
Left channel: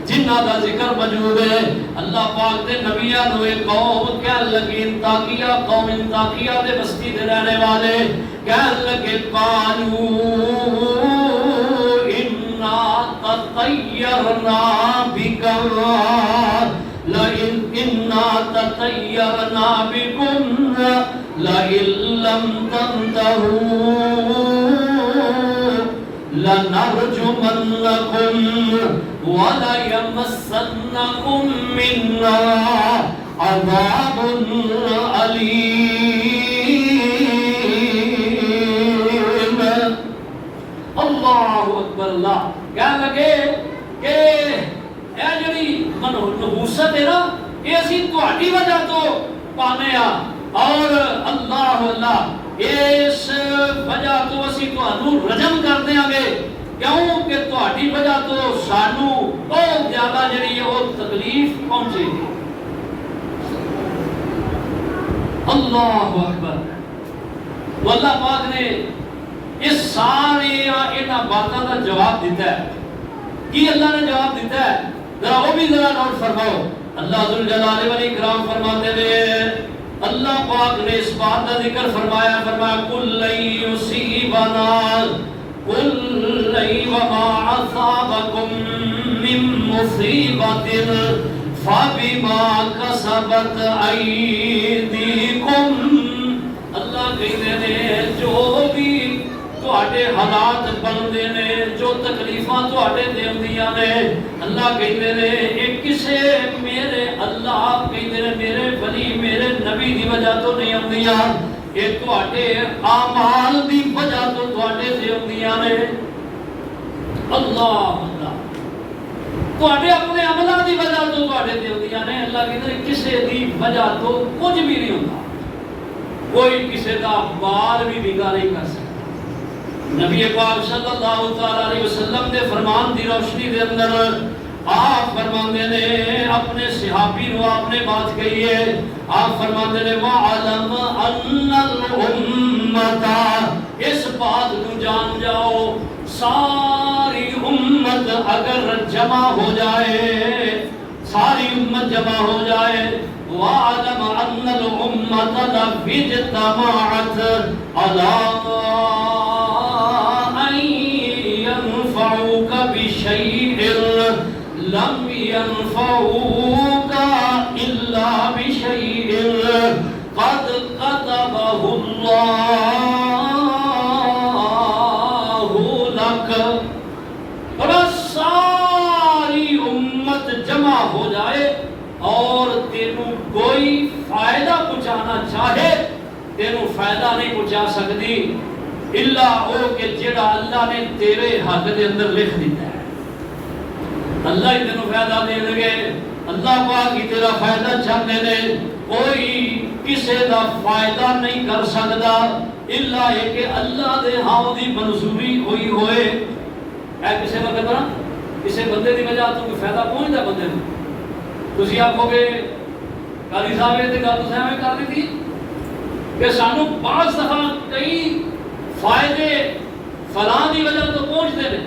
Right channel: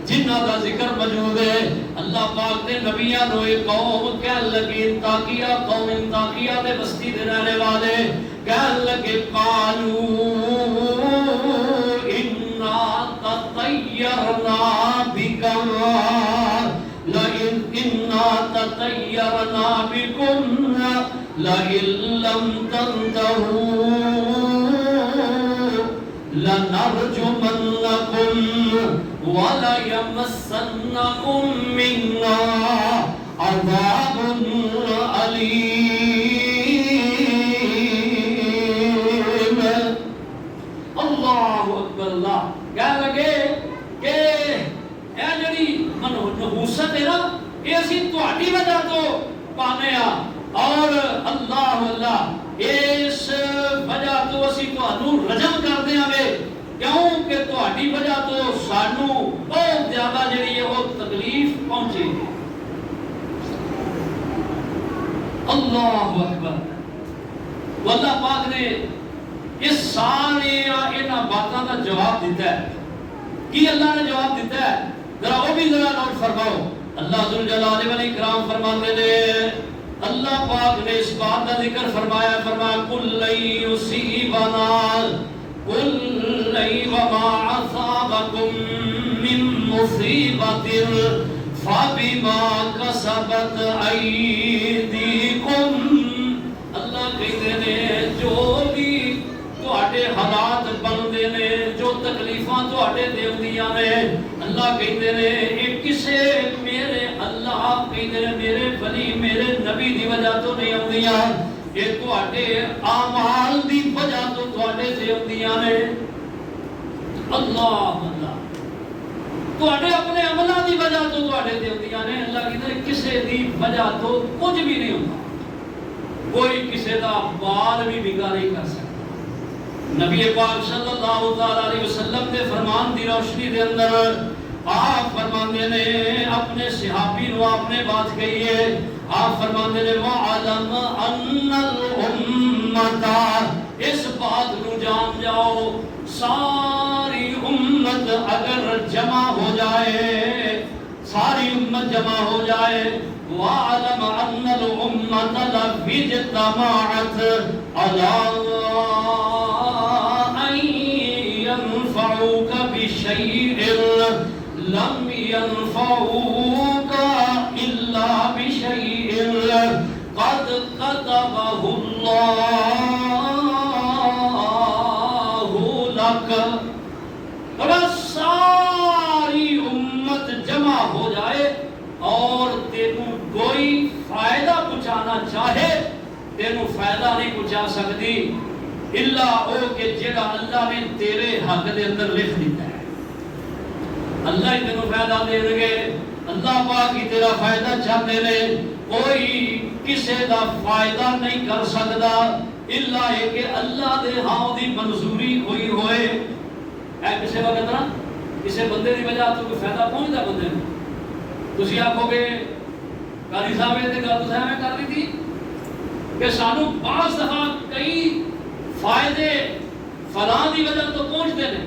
جنہاں کا ذکر موجود ہے. اللہ پاک دے نبیاں نو ایک قوم کہنے لگی انطاکیہ، قوم انطاکیہ دے بستی دے رہنے والے کہنے لگے قالوا تطیرنا بکم لئن انا تطیرنا بکم لئن لم تنتہوا لنرجمنکم وَلَيَمَسَّنَّكُم مِّنَّا عَذَابٌ أَلِيمٌ. اللہ اکبر. اللہ کہنے لگے کہ اے جڑی نحوست ہے نا یہ اسی تہاڈی وجہ تو پانے ہاں، اور اللہ اس وجہ تو اسی تہانوں رجم کر دیاں گے کیوں کہ تہاڈی وجہ تو سانو بہت زیادہ جڑی ہے وہ تکلیف پہنچے گی. اللہ اکبر. اللہ پاک نے اس ساری انہاں باتاں کا جواب دیتا ہے. کی اللہ نے جواب دیتا ہے ذرا وہ بھی ذرا نوٹ فرماؤ. اللہ ذوالجلال والاکرام فرماتے ہیں، اللہ پاک نے اس بات کا ذکر فرمایا، فرمایا کل یصیبنا قل وما اصابکم من مصیبت فبما کسبت ایدیکم. اللہ کہتے ہیں جو بھی تواڈے حالات بندے نے، جو تکلیفاں تواڈے دیندیاں نے، اللہ کہتے ہیں یہ کسے میرے اللہ کہتے ہیں میرے ولی میرے نبی دی وجہ تو نہیں ہوندیاں، یہ تواڈے اعمال دی وجہ تو تواڈے تے ہوندیاں نے. اللہ تواڈے اپنے عملاں دی وجہ تو تواڈے تے ہوندیاں نے. اللہ کہتے ہیں کسے دی وجہ تو کچھ بھی نہیں ہوندا، کوئی کسے دا بال بھی بگا نہیں کر سکتا. نبی پاک صلی اللہ علیہ وسلم دے فرمان دی روشنی دے اندر آپ فرماندے نے اپنے صحابی نو آپ نے بات کہی ہے، آپ فرماتے ہیں وَعَلَمْ أَنَّ الْأُمَّةَ، اس بات کو جان جاؤ ساری امت اگر جمع ہو جائے، ساری امت جمع ہو جائے، وَعَلَمْ أَنَّ الْأُمَّةَ لَوْ اجْتَمَعَتْ عَلَىٰ أَن يَنفَعُوكَ بِشَيْءٍ لَمْ يَنفَعُوكَ إِلَّا بِشَيْءٍ قَدْ كَتَبَهُ اللَّهُ لَكَ۔ اور ساری امت جمع ہو جائے اور تینوں کوئی فائدہ پہنچانا چاہے، تینوں فائدہ نہیں پہنچا سکتی الا او کہ جڑا اللہ نے تیرے حق دے اندر لکھ دیتا ہے۔ اللہ ہی تینوں فائدہ دے گے، اللہ پاک ہی تیرا فائدہ چاہتے ہیں، کوئی کسی دا فائدہ نہیں کر سکتا الا یہ کہ اللہ دے ہاں دی منظوری ہوئی ہوئے۔ اے کسی وقت نا کسی بندے دی وجہ تو کوئی فائدہ پہنچتا بندے کو، تسی آکھو گے قاضی صاحب یہ گل تو میں کر دی تھی کہ سانو بعض دفعہ کئی فائدے فلاں دی وجہ تو پہنچتے ہیں،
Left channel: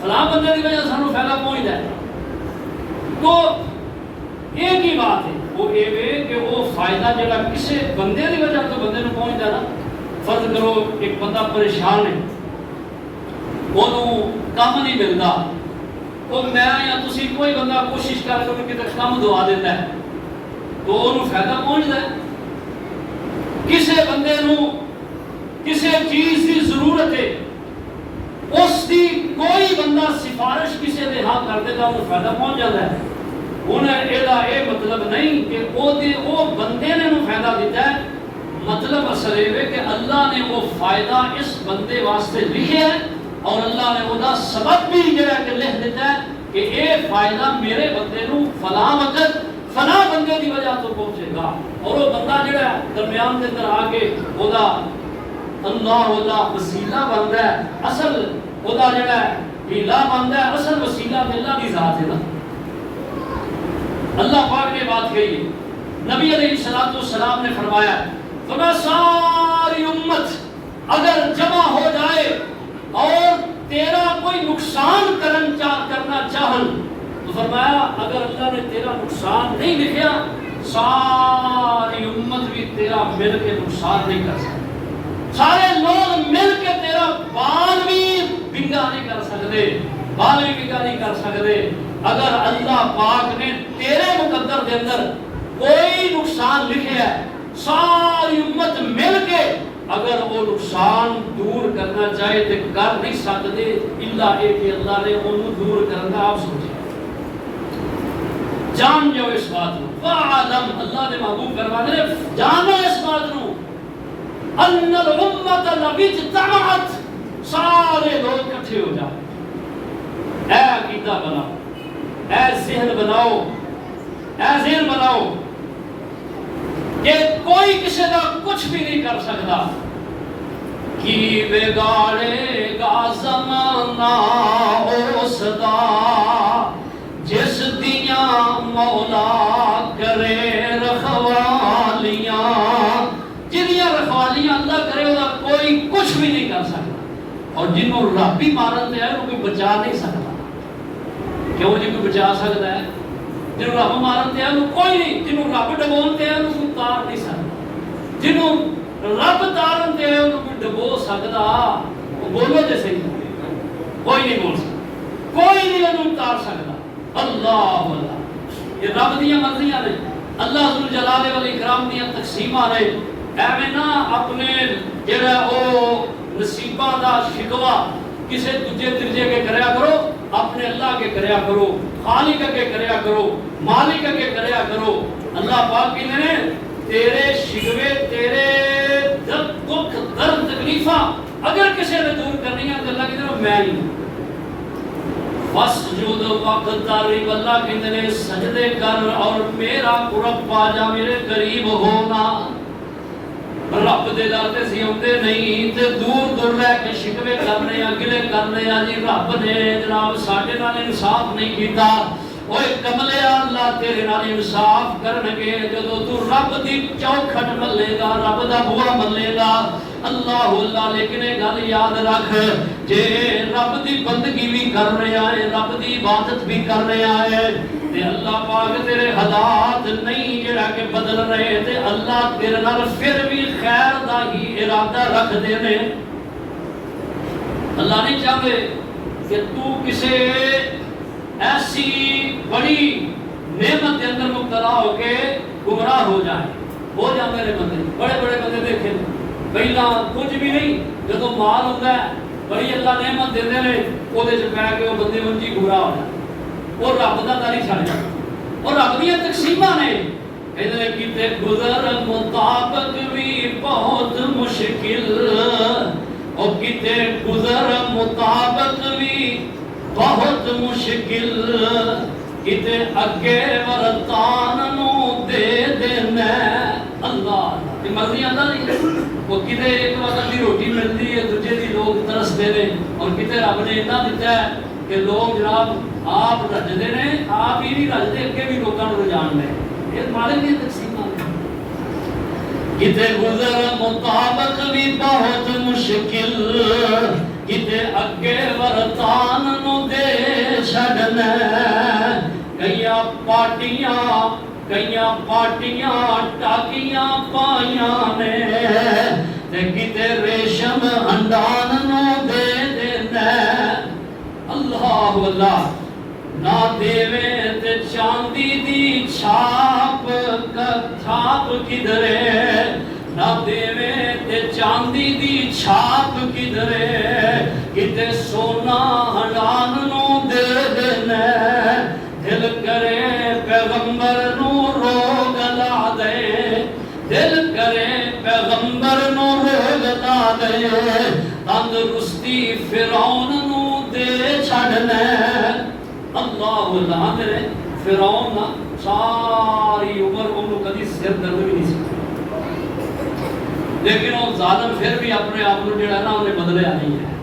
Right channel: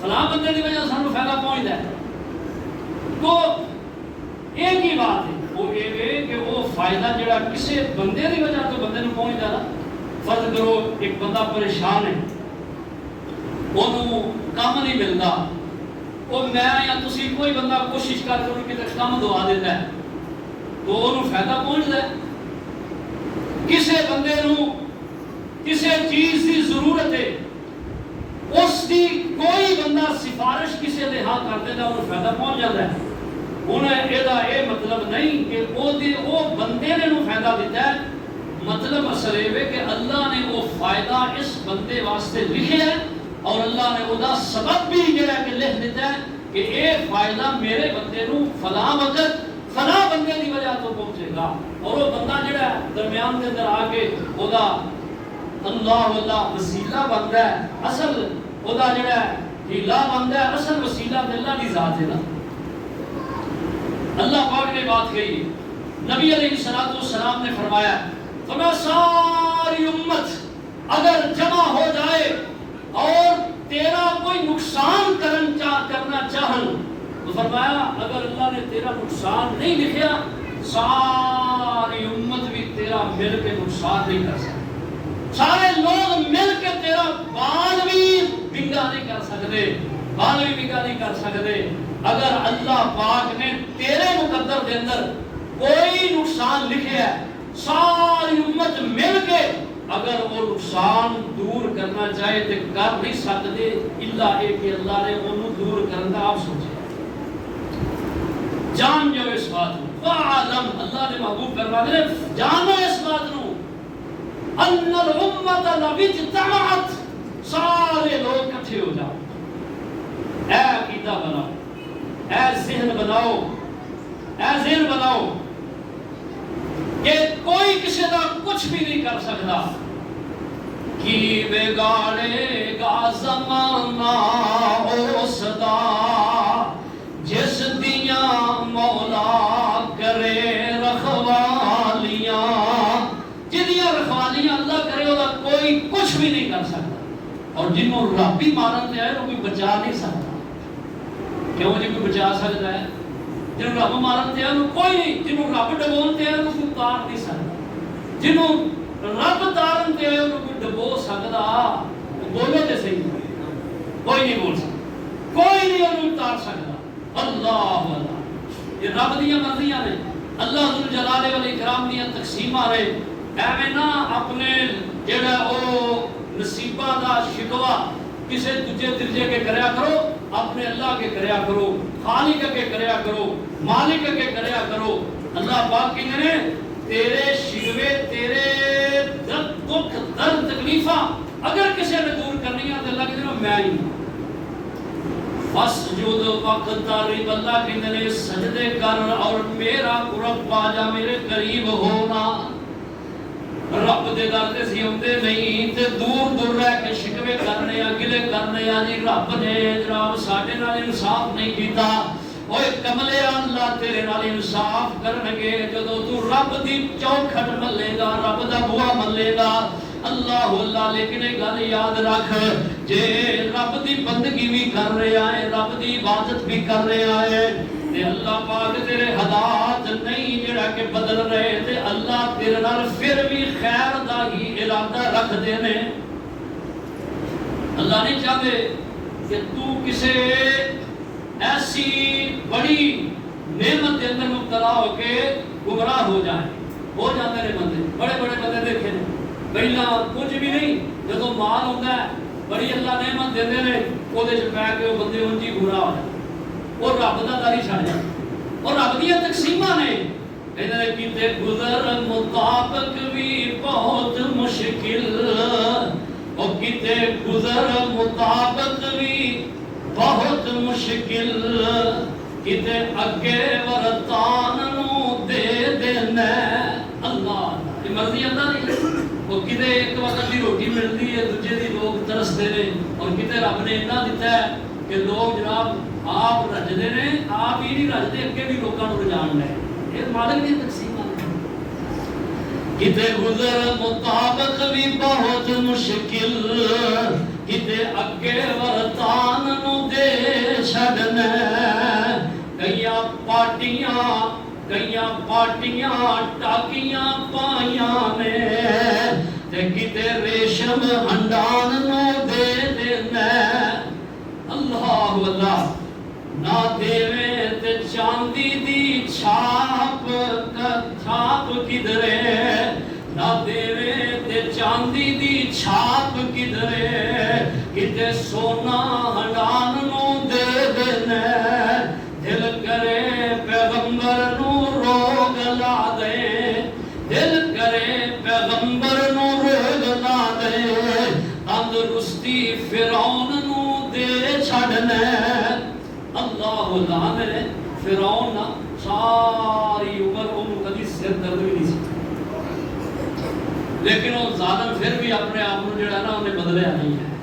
فلاں بندے دی وجہ سانو فائدہ پہنچتا ہے، تو ایک ہی بات ہے وہ یہ کہ وہ فائدہ جڑا کسی بندے دی وجہ تو بندے نو پہنچتا نا، فرض کرو ایک بندہ پریشان ہے، انہوں کام نہیں ملتا، وہ میں یا تسی کوئی بندہ کوشش کر کے کسی کام دعا دیتا ہے تو انہوں فائدہ پہنچتا ہے۔ کسی بندے نو کسی چیز کی ضرورت ہے، اس کی کوئی بندہ سفارش کسی دے ہاں کر دیتا انہوں فائدہ پہنچ جاتا ہے۔ انہیں یہ مطلب نہیں کہ وہ بندے نے انہوں فائدہ دیتا ہے، مطلب اصل یہ کہ اللہ نے وہ فائدہ اس بندے واسطے لکھے ہے اور اللہ نے وہ سبب بھی جڑا کہ لکھ دیتا ہے کہ یہ فائدہ میرے بندے نو فلاں وقت فلاں بندے دی وجہ تو پہنچے گا، اور وہ بندہ جڑا درمیان کے اندر آ کے وہ اللہ وسیلہ بنتا ہے، اصل وہ جڑا ہیلا بنتا ہے، اصل وسیلہ اللہ کی ذات ہے نا۔ اللہ پاک نے بات کہی، نبی علیہ السلام نے فرمایا ساری امت اگر جمع ہو جائے اور تیرا کوئی نقصان کرنا چاہن تو فرمایا اگر اللہ نے تیرا نقصان نہیں لکھیا ساری امت بھی تیرا مل کے نقصان نہیں کر سکتے، سارے لوگ مل کے تیرا بال بھی بنگا نہیں کر سکتے، بال بھی بنگا نہیں کر سکتے۔ اگر اللہ پاک نے تیرے مقدر کے اندر کوئی نقصان لکھے ہے، ساری امت مل کے اگر وہ نقصان دور کرنا چاہے تو کر نہیں سکتے الا ایک کہ اللہ نے انہوں دور کرنا۔ آپ سوچیں، جان جاؤ اس بات کو، فَعَلَمْ، اللہ نے محبوب کروا دے جانو اس بات کو، أَنَّ الْأُمَّةَ لَوْ اجْتَمَعَتْ، سارے لوگ اکٹھے ہو جائیں۔ اے عقیدہ بناؤ، اے ذہن بناؤ، اے ذہن بناؤ کہ کوئی کسی کا کچھ بھی نہیں کر سکتا، کی بگاڑے گا زمانہ اس دا جس دیاں مولا کرے رکھوالیاں، جنیاں رکھوالیاں اللہ کرے وہ کوئی کچھ بھی نہیں کر سکتا، اور جنہوں رب ہی مانتے ہیں وہ کوئی بچا نہیں سکتا۔ کیوں جی کوئی بچا سکتا ہے؟ جنہوں رب مارتے ہیں وہ کوئی نہیں، جنہوں رب ڈبونتے ہیں وہ کوئی تار نہیں سکتا، جنہوں رب تارتے ہیں وہ کوئی ڈبو سکتا، بولو تے صحیح، کوئی نہیں بول سکتا، کوئی نہیں انہوں تار سکتا۔ اللہ اللہ، یہ رب دیاں مرضیاں نے، اللہ ذوالجلال والاکرام دیاں تقسیماں نے، ایویں نہ اپنے جڑا او نصیباں دا شکوا کسے دوجے تیجے کے کریا کرو، اپنے اللہ کے کریا کرو، خالق کے کریا کرو، مالک کے کریا کرو۔ اللہ پاک کی نے تیرے شکوے، تیرے دکھ درد تکلیفاں اگر کسی نے دور کرنی ہے تو اللہ کی طرف میں ہی وَاسْجُدْ وَاقْتَرِبْ، اللہ کہتے ہیں سجدے کر اور میرا قرب پا جا، میرے قریب ہونا۔ رب دے در تے سی ہوندے نہیں تے دور دور رہ کے شکوے کرنے، اگلے کرنے، جی رب نے جناب ساڈے نال انصاف نہیں کیتا، اوے کملیا اللہ تیرے نال انصاف کرنگے جدو تو رب دی چوکھٹ ملے گا رب دا بوا ملے گا اللہ لیکن گل یاد رکھ جے رب دی بندگی بھی کر رہا ہے رب دی عبادت بھی کر رہا ہے تے اللہ پاک تیرے حالات نہیں جڑا کہ بدل رہے تے اللہ تیرے نال پھر بھی خیر دا ہی ارادہ رکھ دے نے اللہ نہیں چاہتے کہ تو کسے ایسی بڑی نعمت کے اندر مبتلا ہو کے گمراہ ہو جاتے ہیں بندے بڑے بڑے بندے دیکھے پہلا کچھ بھی نہیں جدو مال ہوتا ہے بڑی اللہ نعمت دے دے وہ پہ کے وہ بندے ان کی گمراہ ہو جاتے وہ رب کا داری چھڑ جاتا اور رب دیا تقسیمہ نے کہتے کیتے گزر مطابق بھی بہت مشکل اور کیتے گزر مطابق بھی بہت مشکل کتے اگے ورتان نو دے دینا اللہ یہ مرضی آتا نہیں وہ کتے ایک وقت کی روٹی ملتی ہے دوجے دی لوگ ترستے نے اور کتے رب نے اتنا دیتا ہے کہ لوگ جناب آپ رجدے نے آپ ہی نہیں رجدے اگے بھی لوگوں کو رجان لے یہ مالک کی تقسیم کتے گزر مطابق بھی بہت مشکل کتے اگے ورتان نو دے چھڑنا کئیاں پاٹیاں ٹاکیاں پائیاں نے تے کتے ریشم ہنڈان نو دے دینا اللہ نہ دیوے تے چاندی دی چھاپ کدھرے نہ دیوے تے چاندی دی چھاپ کدھرے کتے سونا ہنڈان نو دے دینا دل کرے پیغمبر نو روگ لا دے دل کرے پیغمبر نو روگ لا دے تندرستی فرعون نو دے چھڑنا اللہ میرے فرعون ساری عمر کو کدی سر درد بھی نہیں سی لیکن وہ ظالم پھر بھی اپنے آپ کو جڑا نا انہیں بدلیا نہیں ہے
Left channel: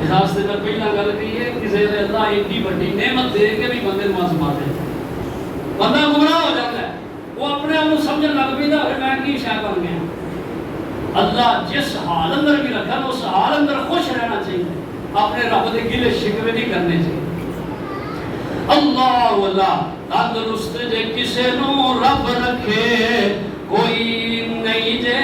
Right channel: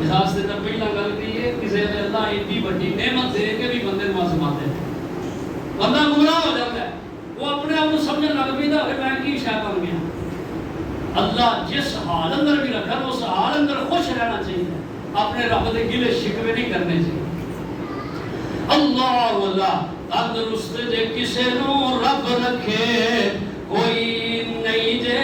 اس واسطے میں پہلا گل کی ہے کسی نے اللہ ایڈی بڑی نعمت دے کے بھی بندے کو آزماتے ہیں بندہ گمراہ ہو جاتا ہے وہ اپنے آپ کو سمجھنے لگ پیتا ہے میں کی شے بن گیا اللہ جس حال اندر بھی رکھا اس حال اندر خوش رہنا چاہیے اپنے رب کے گلے شکوے نہیں کرنے چاہیے اللہ تندرست جے کسے نو رب رکھے کوئی نہیں جے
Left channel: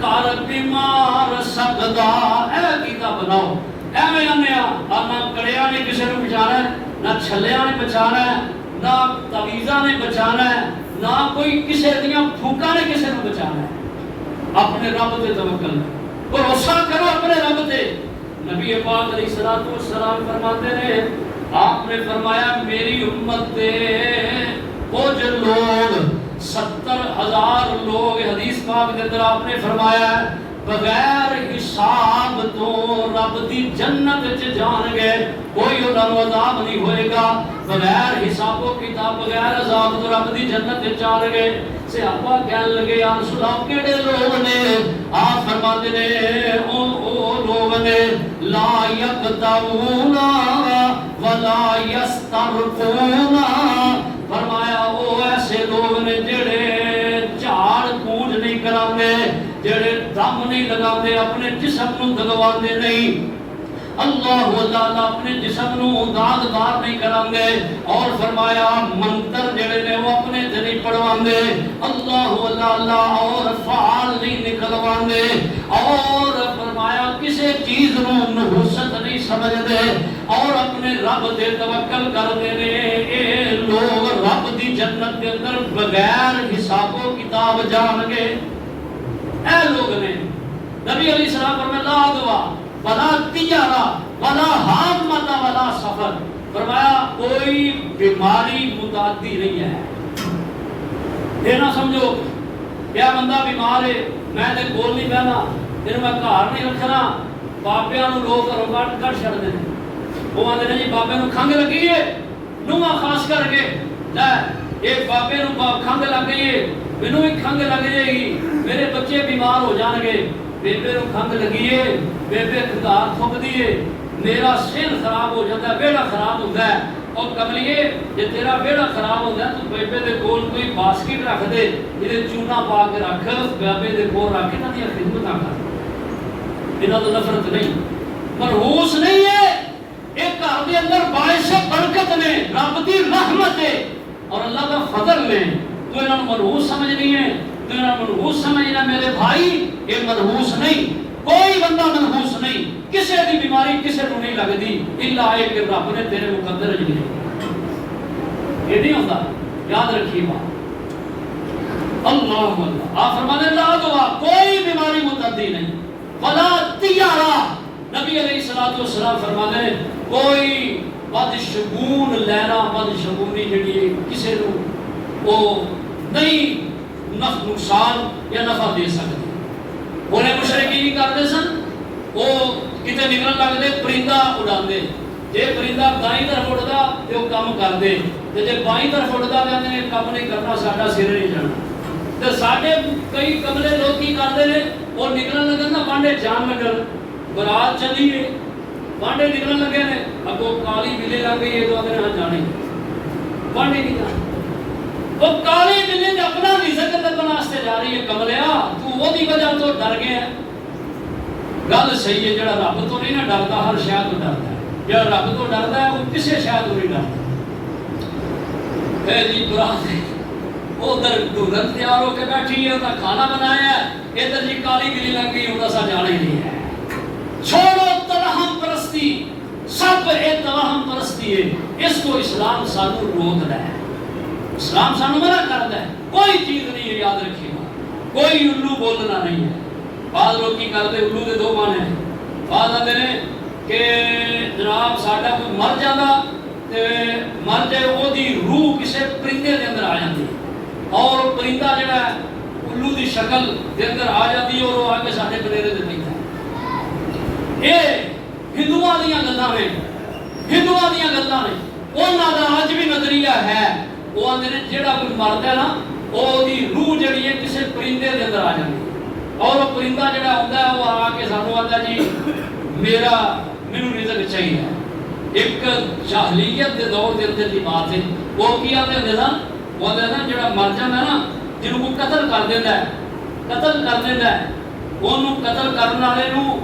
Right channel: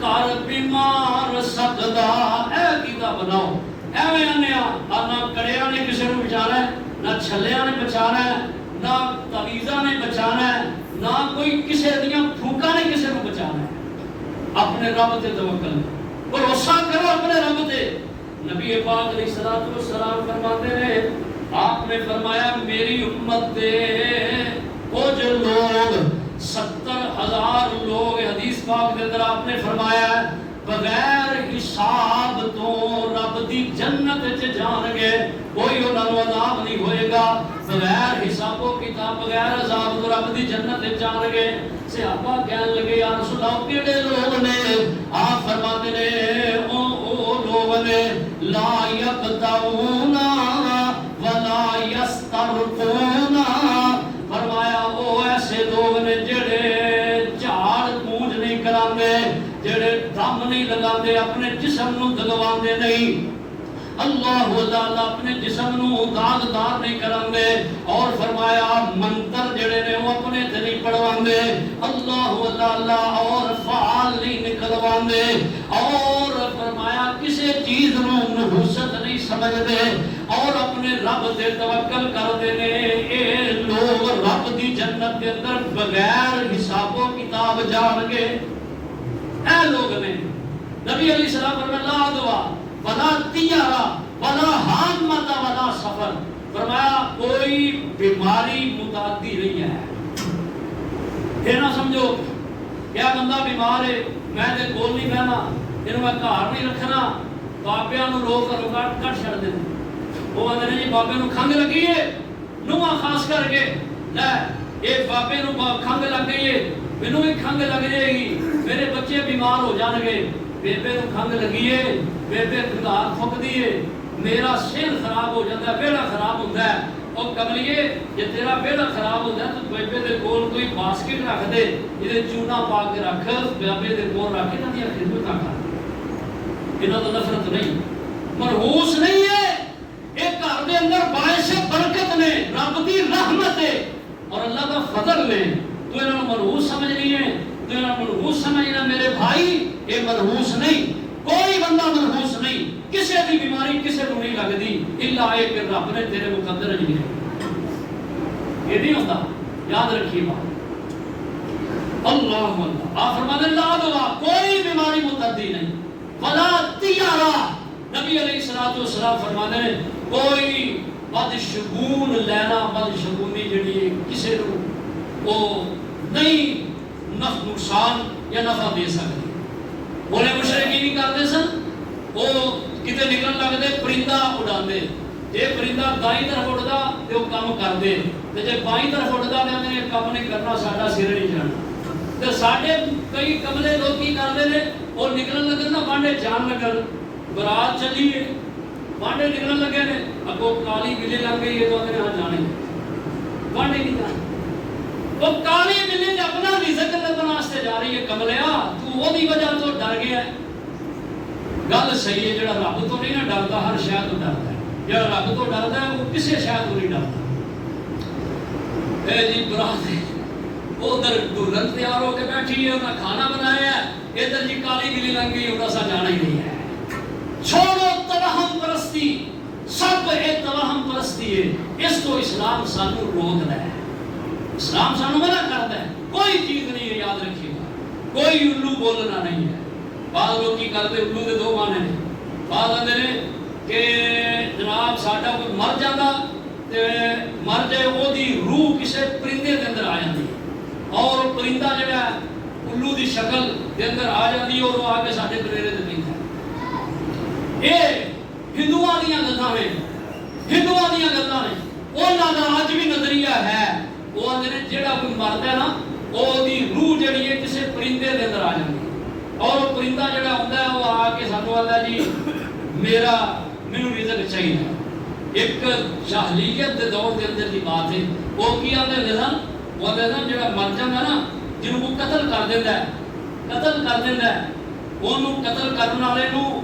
کار بیمار سکدا اے کیتا بناؤ اے میرا میاں نہ کڑیا نے کسے نو بچانا ہے نہ چھلیا نے بچانا ہے نہ تعویذاں نے بچانا ہے نہ کوئی کسے دیاں پھوکاں نے کسے نو بچانا ہے اپنے رب تے توکل بھروسہ کرو اپنے رب تے نبی پاک علیہ الصلوۃ والسلام فرماتے رہے آپ نے فرمایا میری امت دے کچھ لوگ 70,000 لوگ حدیث پاک کے اندر آپ نے فرمایا بغیر حساب تو رب دی جنت چ جان گے کوئی انہاں نوں عذاب نہیں ہوئے گا بغیر حساب و کتاب بغیر عذاب تو رب دی جنت چ جان گے صحابہ کہنے لگے یا رسول اللہ کیڑے لوگ نے آپ فرماتے نے او لوگ نے لا یقطعون ولا یسترقون فرمایا وہ ایسے لوگ نے جڑے جھاڑ پونجھ نہیں کراندے جڑے دم نہیں لگاندے اپنے جسم نو دگواندے نہیں اللہ تعالی اپنے جسم نو داغدار نہیں کراندے اور فرمایا منتر جڑے نے وہ اپنے تے نہیں پڑھواندے اللہ تعالی اور فعال نہیں نکلواندے اور فرمایا کسی چیز نو نحوست نہیں سمجھدے اور اپنے رب تے توکل کردے نے اے لوگ رب دی جنت کے اندر بغیر حساب و کتاب جان گے اے لوگ نے نبی علیہ السلام فرمایا لا دعا ولا تیارہ ولا حامت ولا سفر فرمایا کوئی بیماری متعدی نہیں ہے یہ نہ سمجھو کیا بندہ بیمار ہے میں تے کول نہیں بہنا انہوں میں گھر نہیں رکھنا بابیاں نو لوگ گھروں کٹ چھڑ دے وہ آدھے جی بابے نو کھنگ لگی ہے نواں خاص کر کے لے ایک بابے نو کھنگ لگ گئی ہے مینوں بھی کھنگ لگ جائے گی میرے بچے بیمار ہو جان گے بیبے نو کھنگ لگی ہے بیبے کھنگار تھک دی ہے میرا سر خراب ہو جاتا ہے بیڑا خراب ہوتا ہے اور کملیے جے تیرا بیڑا خراب ہوتا ہے تو بیبے دے کول کوئی باسکٹ رکھ دے یہ چونا پا کے رکھ بیبے دے کول رکھ کے نہ خدمت نہ کر انہاں تو نفرت نہیں مرہوس نہیں ہے ایک گھر دے اندر باعث برکت نے رب دی رحمت ہے اور اللہ کا فضل نے تو انہاں مرہوس سمجھنی ہے تو انہاں مرہوس سمجھنا میرے بھائی یہ مرہوس نہیں کوئی بندہ مرہوس نہیں کسی دی بیماری کسی کو نہیں لگتی الا ہے کہ رب نے تیرے مقدر لکھی یہ نہیں ہوتا یاد رکھیے بات اللہ اللہ آپ فرماتے ہیں لا دعا کوئی بیماری متعدی نہیں ولا تیارہ نبی علیہ الصلوۃ والسلام فرماتے ہیں کوئی بدشگون لینا بدشگونی جڑی ہے کسی کو وہ نہیں نقصان یا نفع دے سکتی انہیں مشرکین کرتے سن وہ کتے نکلن لگتے پرندہ اڑاندے جے پرندہ دائیں طرف اڑدا تے وہ کام کردے تے جے بائیں طرف اڑدا کہندے یہ کام نہیں کرنا ساڈا سر نہیں جانا تے ساڈے کئی کملے لوگ کی کردے نے وہ نکلن لگن نا وانڈے جان لگن برات چلی ہے وانڈے نکلن لگے نے اگوں کالی بلی لگ گئی ہے تو اگے ہاں جانے وانڈے نہیں جانا وہ کالی بلی تے اپنا رزق تے بناستے جا رہی ہے کملیا تو وہ دی وجہ تو ڈر گیا گل صحیح ہے جڑا رب تو نہیں نہ ڈردا ہر شے تو ڈردا ہے جڑا رب تو ڈردا ہے وہ کسی شے تو نہیں ڈردا اے جی برات ہے ادھر دلہن تیار ہو کے بیٹھی ہے انہاں کھانا بنایا ہے ادھر جی کالی بلی لگ گئی انہاں سا جانا ہی نہیں ہے چھوڑو توہم پرستی سب اے توہم پرستی ہے اس کو اسلام سانو روک رہا ہے اسلام سانو منع کرتا ہے کوئی چیز نہیں ہے یاد رکھیے گا کوئی الو بولنا نہیں ہے بعض لوگ کی کرتے الو دے دو معنی ہیں بعض آتے ہیں کہ جناب ساڈا کوئی مر جاتا تے مر جائے وہ دی روح کسے پرندے دے اندر آ جاتی اور پرندہ جڑا ہے الو دی شکل دے اندر آ جاتی اور وہ آ کے ساڈے بلیرے دے نہیں تھا یہ ہندوؤں دیاں گلاں نے ہندوؤں دیاں گلاں نے انہاں دا اج بھی نظریہ ہے وہ آندے نے جڑا کوئی مردا ہے نا وہ دی روح جڑی ہے کسے پرندے دے اندر آ جاتی اور وہ پرندہ جڑا ہوندا ہے وہ آ کے سانو آندا جی میرا مینوں رزق چاہیے ایک جاہلیت دے دور دے اندر دی بات ہے وہ کی آندے نے نا وہ آندے نا جڑا مر جاندا نا جنوں کو قتل کر دیندا ہے قتل کر دیندا ہے اونوں قتل کرن والے نوں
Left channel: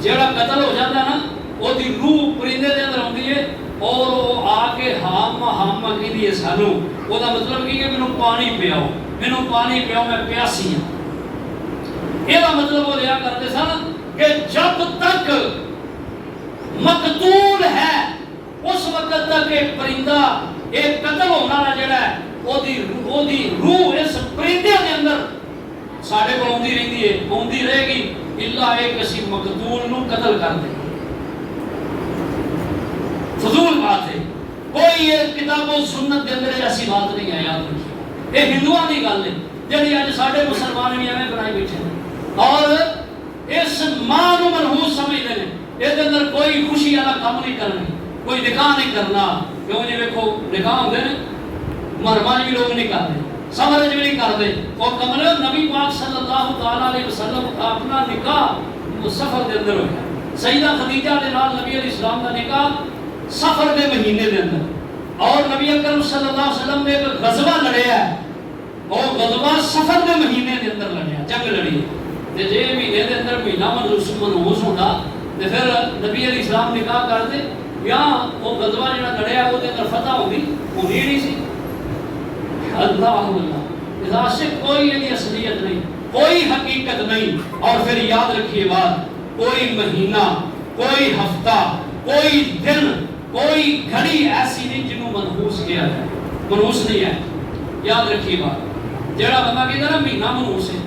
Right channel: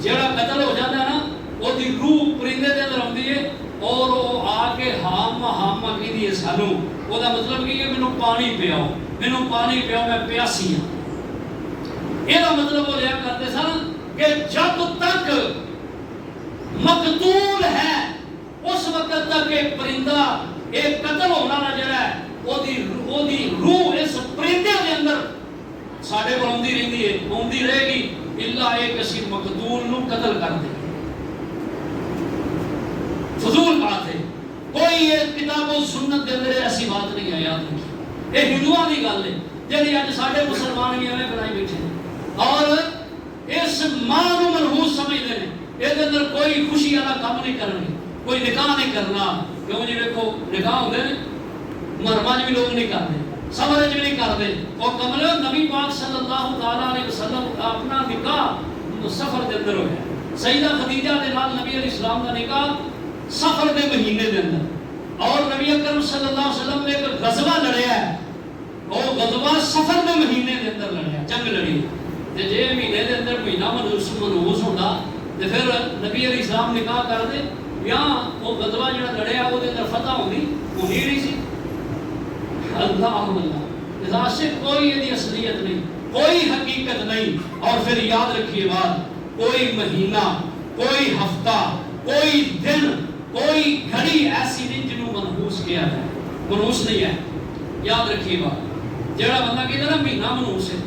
جڑا قتل ہو جاندا نا وہ دی روح پرندے دے اندر ہوندی ہے اور وہ آ کے ہام کہندی ہے سانو وہ دا مطلب کی ہے مینوں پانی پیاؤ میں پیاسی ہوں یہ مطلب وہ لیا کرتے سن کہ جب تک مقتول ہے اس وقت تک ایک پرندہ ایک قتل ہونا نہ جڑا ہے وہ دی روح اس پرندے کے اندر ساڈے کو آندی رہندی ہے آندی رہے گی الا ایک اسی مقتول نو قتل کر دے فضول بات ہے کوئی یہ کتاب و سنت کے اندر ایسی بات نہیں ہے یاد رکھیے یہ ہندوؤں کی گل ہے جی اج ساڈے مسلمان بھی ایویں بنائی بیٹھے ہیں اور اس ماں کو منحوس سمجھتے ہیں یہ اندر کوئی خوشی والا کام نہیں کرنی کوئی نکاح نہیں کرنا کیوں جی ویکھو نکاح ہوندے نے محرماں بھی لوگ نہیں کرتے سمرے بھی نہیں کرتے اور کمل نبی پاک صلی اللہ تعالی علیہ وسلم کا اپنا نکاح سفر دے اندر ہویا سیدہ خدیجہ دے نال نبی علیہ السلام کا نکاح سفر دے مہینے دے اندر اور نبی اکرم صلی اللہ علیہ وسلم نے ایک غزوہ لڑیا ہے اور غزوہ سفر دے مہینے دے اندر لڑیا جنگ لڑی تے جے مہینے دے اندر مہینہ منحوس ہوندا تے پھر نبی علیہ السلام نکاح کر دے یا وہ غزوہ جڑا لڑیا وہ دے اندر فتح ہوندی ہونی نہیں سی اللہ اللہ اذا سے کوئی یہ اصلیت نہیں کوئی حقیقت نہیں اور پھر یاد رکھیے بات کوئی مہینہ کوئی ہفتہ کوئی دن کوئی گھڑی ایسی نہیں جنہوں منحوس کیا ہے منحوس نہیں ہے یاد رکھیے بات جڑا بندہ کہتا نا مہینہ منحوس ہے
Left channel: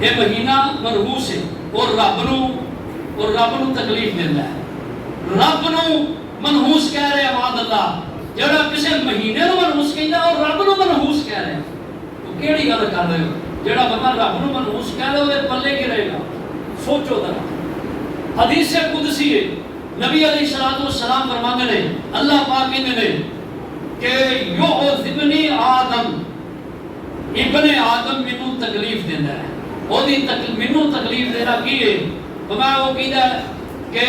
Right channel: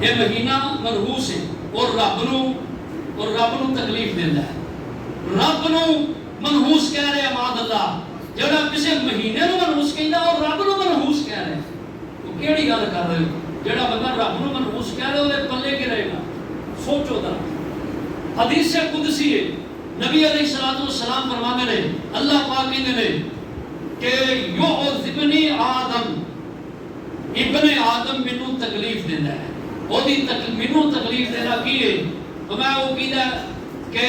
یہ مہینہ منحوس ہے اور رب نو تکلیف دیتا ہے رب نو منحوس کہہ رہے عباد اللہ جڑا کسی مہینے نو منحوس کہندا اور رب نو منحوس کہہ رہے تو کیڑی گل کر رہے ہو جڑا بندہ رب نو منحوس کہہ رہے او پلے کی رہے گا سوچو ذرا حدیث قدسی ہے نبی علیہ الصلوۃ والسلام فرماتے ہیں اللہ پاک کہندے نے کہ یعذبنی آدم ابن آدم مینوں تکلیف دیندا ہے اودی مینوں تکلیف دینا کی ہے تو میں وہ کہندا کہ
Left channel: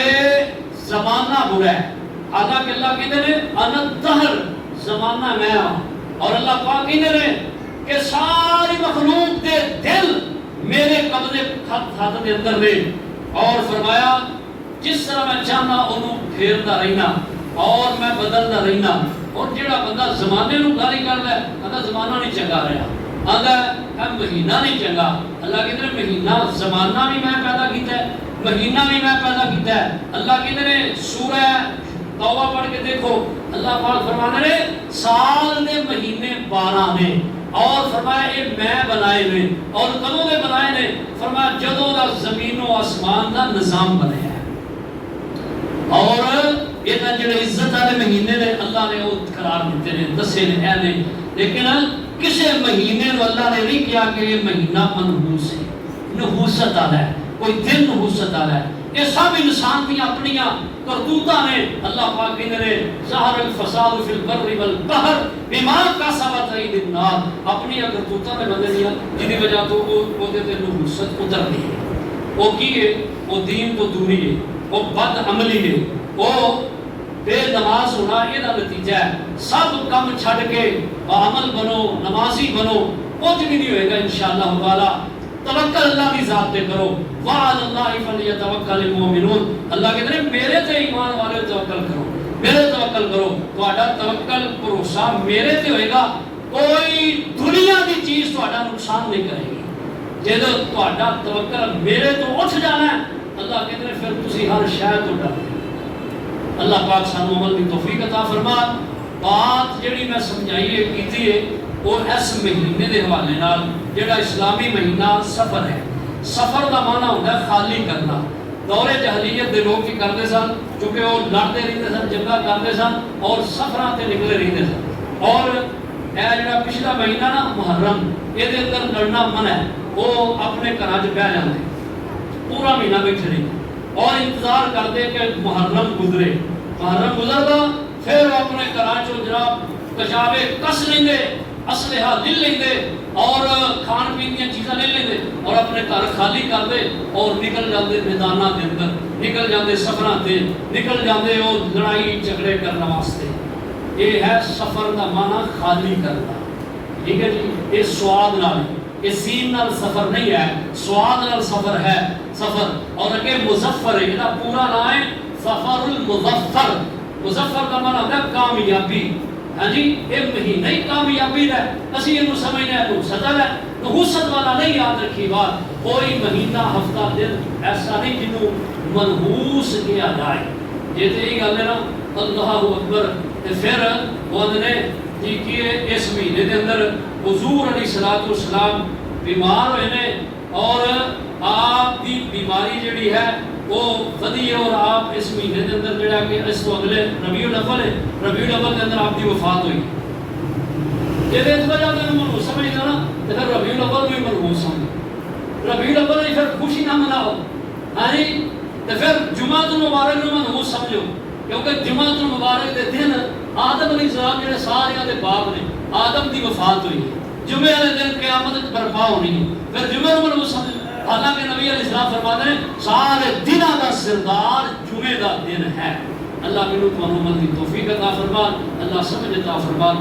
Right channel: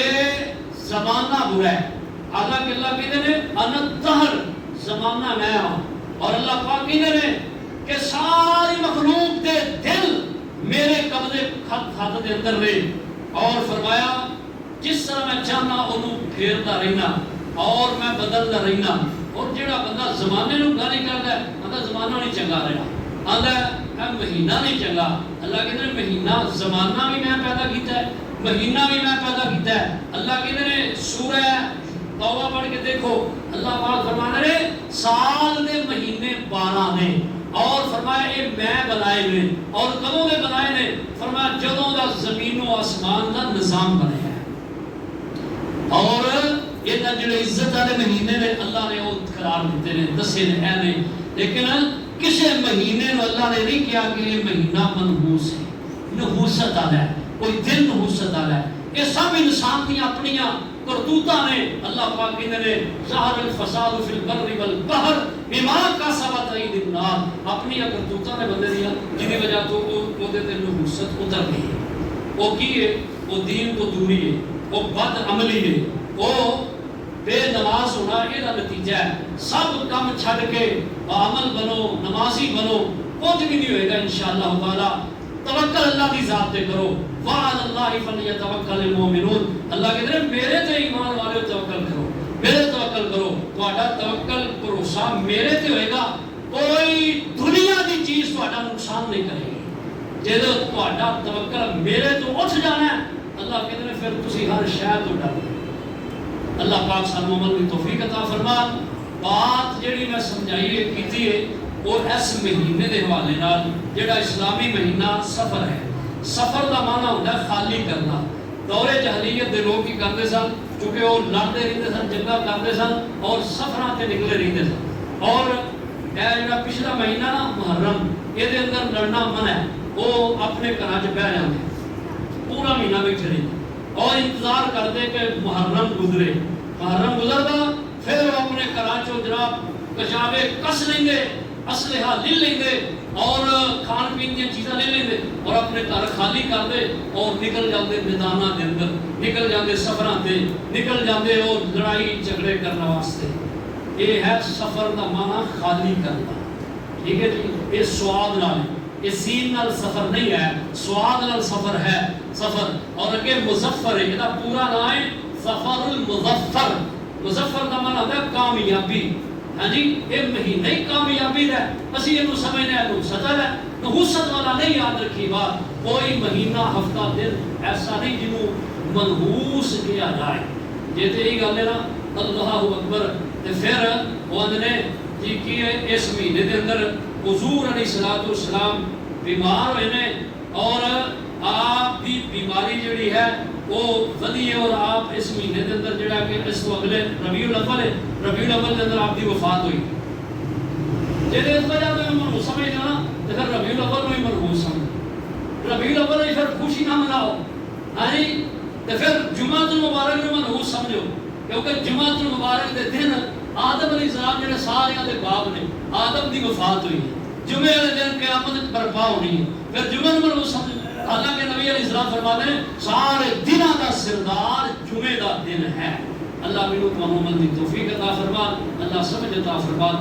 زمانہ برا ہے حالانکہ اللہ کہتے ہیں انا الدہر، زمانہ میں ہوں، اور اللہ پاک کہتے ہیں کہ ساری مخلوق دے دل میرے قبضے ہاتھ دے اندر رہے، اور فرمایا جس طرح میں چاہنا انہوں پھیرتا رہنا اور میں بدلتا رہنا۔ اور جڑا بندہ زمانے نو گالی کردا ہے آندا زمانہ نہیں چنگا رہا، آندا ہے مہینہ نہیں چنگا، اللہ کہتے ہیں مہینہ زمانہ بھی میں پیدا کیتا ہے، مہینہ بھی میں پیدا کیتا ہے۔ اللہ کہتے ہیں سورہ توبہ پڑھ کے دیکھو، اللہ پاک فرمانے نے سال دے مہینے 12 نے، اور فرمایا یہ میں بنائے نے، اور کدوں دے بنائے نے؟ فرمایا جدوں دا زمین و آسمان دا نظام بنیا ہے۔ اور یہ جڑے عزت والے مہینے نے اللہ نے وہ قرار دیتے ہیں، دسے نے اے نے، لیکن کسی مہینے کو اللہ نے نہیں کیا کہ یہ مہینہ منحوس ہے، نحوست والا ہے، کوئی دن نحوست والا ہے۔ یہ سب انسان کی اپنی کرتوتاں نے۔ اللہ پاک کہتے ہیں ظہر الفساد فی البر والبحر بما کسبت ایدی الناس، اپنی کرتوتاں نے بندے دیا جن کی وجہ تو وہ دے تے نحوست اتر دی ہے۔ وہ کی ہے؟ وہ دین تو دوری ہے، وہ بد عملی ہے، وہ بے نماز ہونا، یہ نتیجہ ہے۔ سب کم چھڑ کے عمل بنو، نمازی بنو، کچھ بھی نہیں ہوئے گا انشاءاللہ تعالی۔ توکل اللہ کی ذات پہ کرو، وعلی اللہ فلیتوکل المؤمنون، اللہ کہتے ہیں میرے تے ایمان والے توکل کرو، میرے توکل کرو، تہاڈا توکل بھروسہ میرے تے ہوئے گا، کوئی دنیا دی چیز تہاڈا نقصان نہیں کرے گی۔ جدو تہاڈا توکل میرے تو اٹھ جانا ہے، اللہ کہتے ہیں پھر تسی ہر شے تو ڈر۔ اللہ پاک سانو عمل کی توفیق عطا فرما۔ بات جڑی میں سمجھائی کیتی ہے وہ اس مہینے دے حوالے نال، جڑا اسلامی مہینہ سفر ہے۔ سفر دا معنی ہوتا ہے خالی کرنا۔ دور جاہلیت دے لوگ کی کرتے سن، چونکہ وہ لڑتے رہتے سن، جنگا کرتے سن اور سفراں تے نکلے رہتے سن۔ اور اے جڑا پچھلا مہینہ نا محرم، یہ دے اندر لڑنا منع ہے، وہ اپنے گھراں چ بیٹھ جاندے، پورا مہینہ بیٹھے رہتے اور انتظار کرتے کہ محرم گزرے۔ محرم گزرتا پھر وہ اپنے گھراں چوں جناب کشابے کس لیندے، اسلحہ لے لیندے اور کھان پین کی چیزاں لے لیندے اور اپنے گھر خالی کرتے اور نکل جاندے میداناں دے اندر، نکل جاندے سفراں تے، نکل جاندے وہ لڑائی جھگڑے کرنے واسطے۔ یہ ہے سفر دا معنی خالی کرنا، ٹھیک ہے جی۔ یہ سواد نال ہے، یہ سین نال سفر نہیں ہے، سواد نال سفر ہے سفر۔ اور کہ مظفر ہے، یہ پورا نام ہے سفر المظفر۔ مظفر کا معنی ہوتا ہے کامیابی۔ ہاں جی، یہ مہینہ ہی کامیابی ہے، اسی یہ سمجھنے ہیں نحوست ہے، نحوست والا نہیں۔ یاد رکھی بات، کوئی مہینہ ہفتہ دن ایسا نہیں جنہوں منحوس کیا جائے۔ جیتے ہی گل ہے نا اللہ اکبر، پھر وہ نے جی کیے اس مہینے کے اندر حضور علیہ الصلوۃ والسلام بیمار ہوئے نے، اور آپ کی بیماری جڑی ہے وہ ودی ہے، اور آپ اس مہینے کے اندر جڑا کہ اس کو اگلے ربیع الاول ہے، ربیع الاول کے اندر آپ کی وفات ہوئی۔ جب اس وجہ سے منحوس سمجھنا نا تو پھر ربیع الاول میں منحوس سمجھ، ربیع الاول ہی پھر خوشی نہ مناؤ، ہاں جی، تو پھر جمعہ المبارک میں منحوس سمجھو، کیونکہ جمعہ المبارک کے دن آدم علیہ السلام جڑے سارے دے باپ نے، آدم دی وفات ہوئی، جمعے والے دن قیامت برپا ہونی ہے، پھر جمعہ نمبر وہ سمجھ۔ حالانکہ نبی علیہ السلام فرماتے ہیں سارے دنوں کا سردار جمعے کا دن ہے۔ اللہ منو تو عمل کی توفیق عطا فرما، اللہ سمجھ عطا فرما۔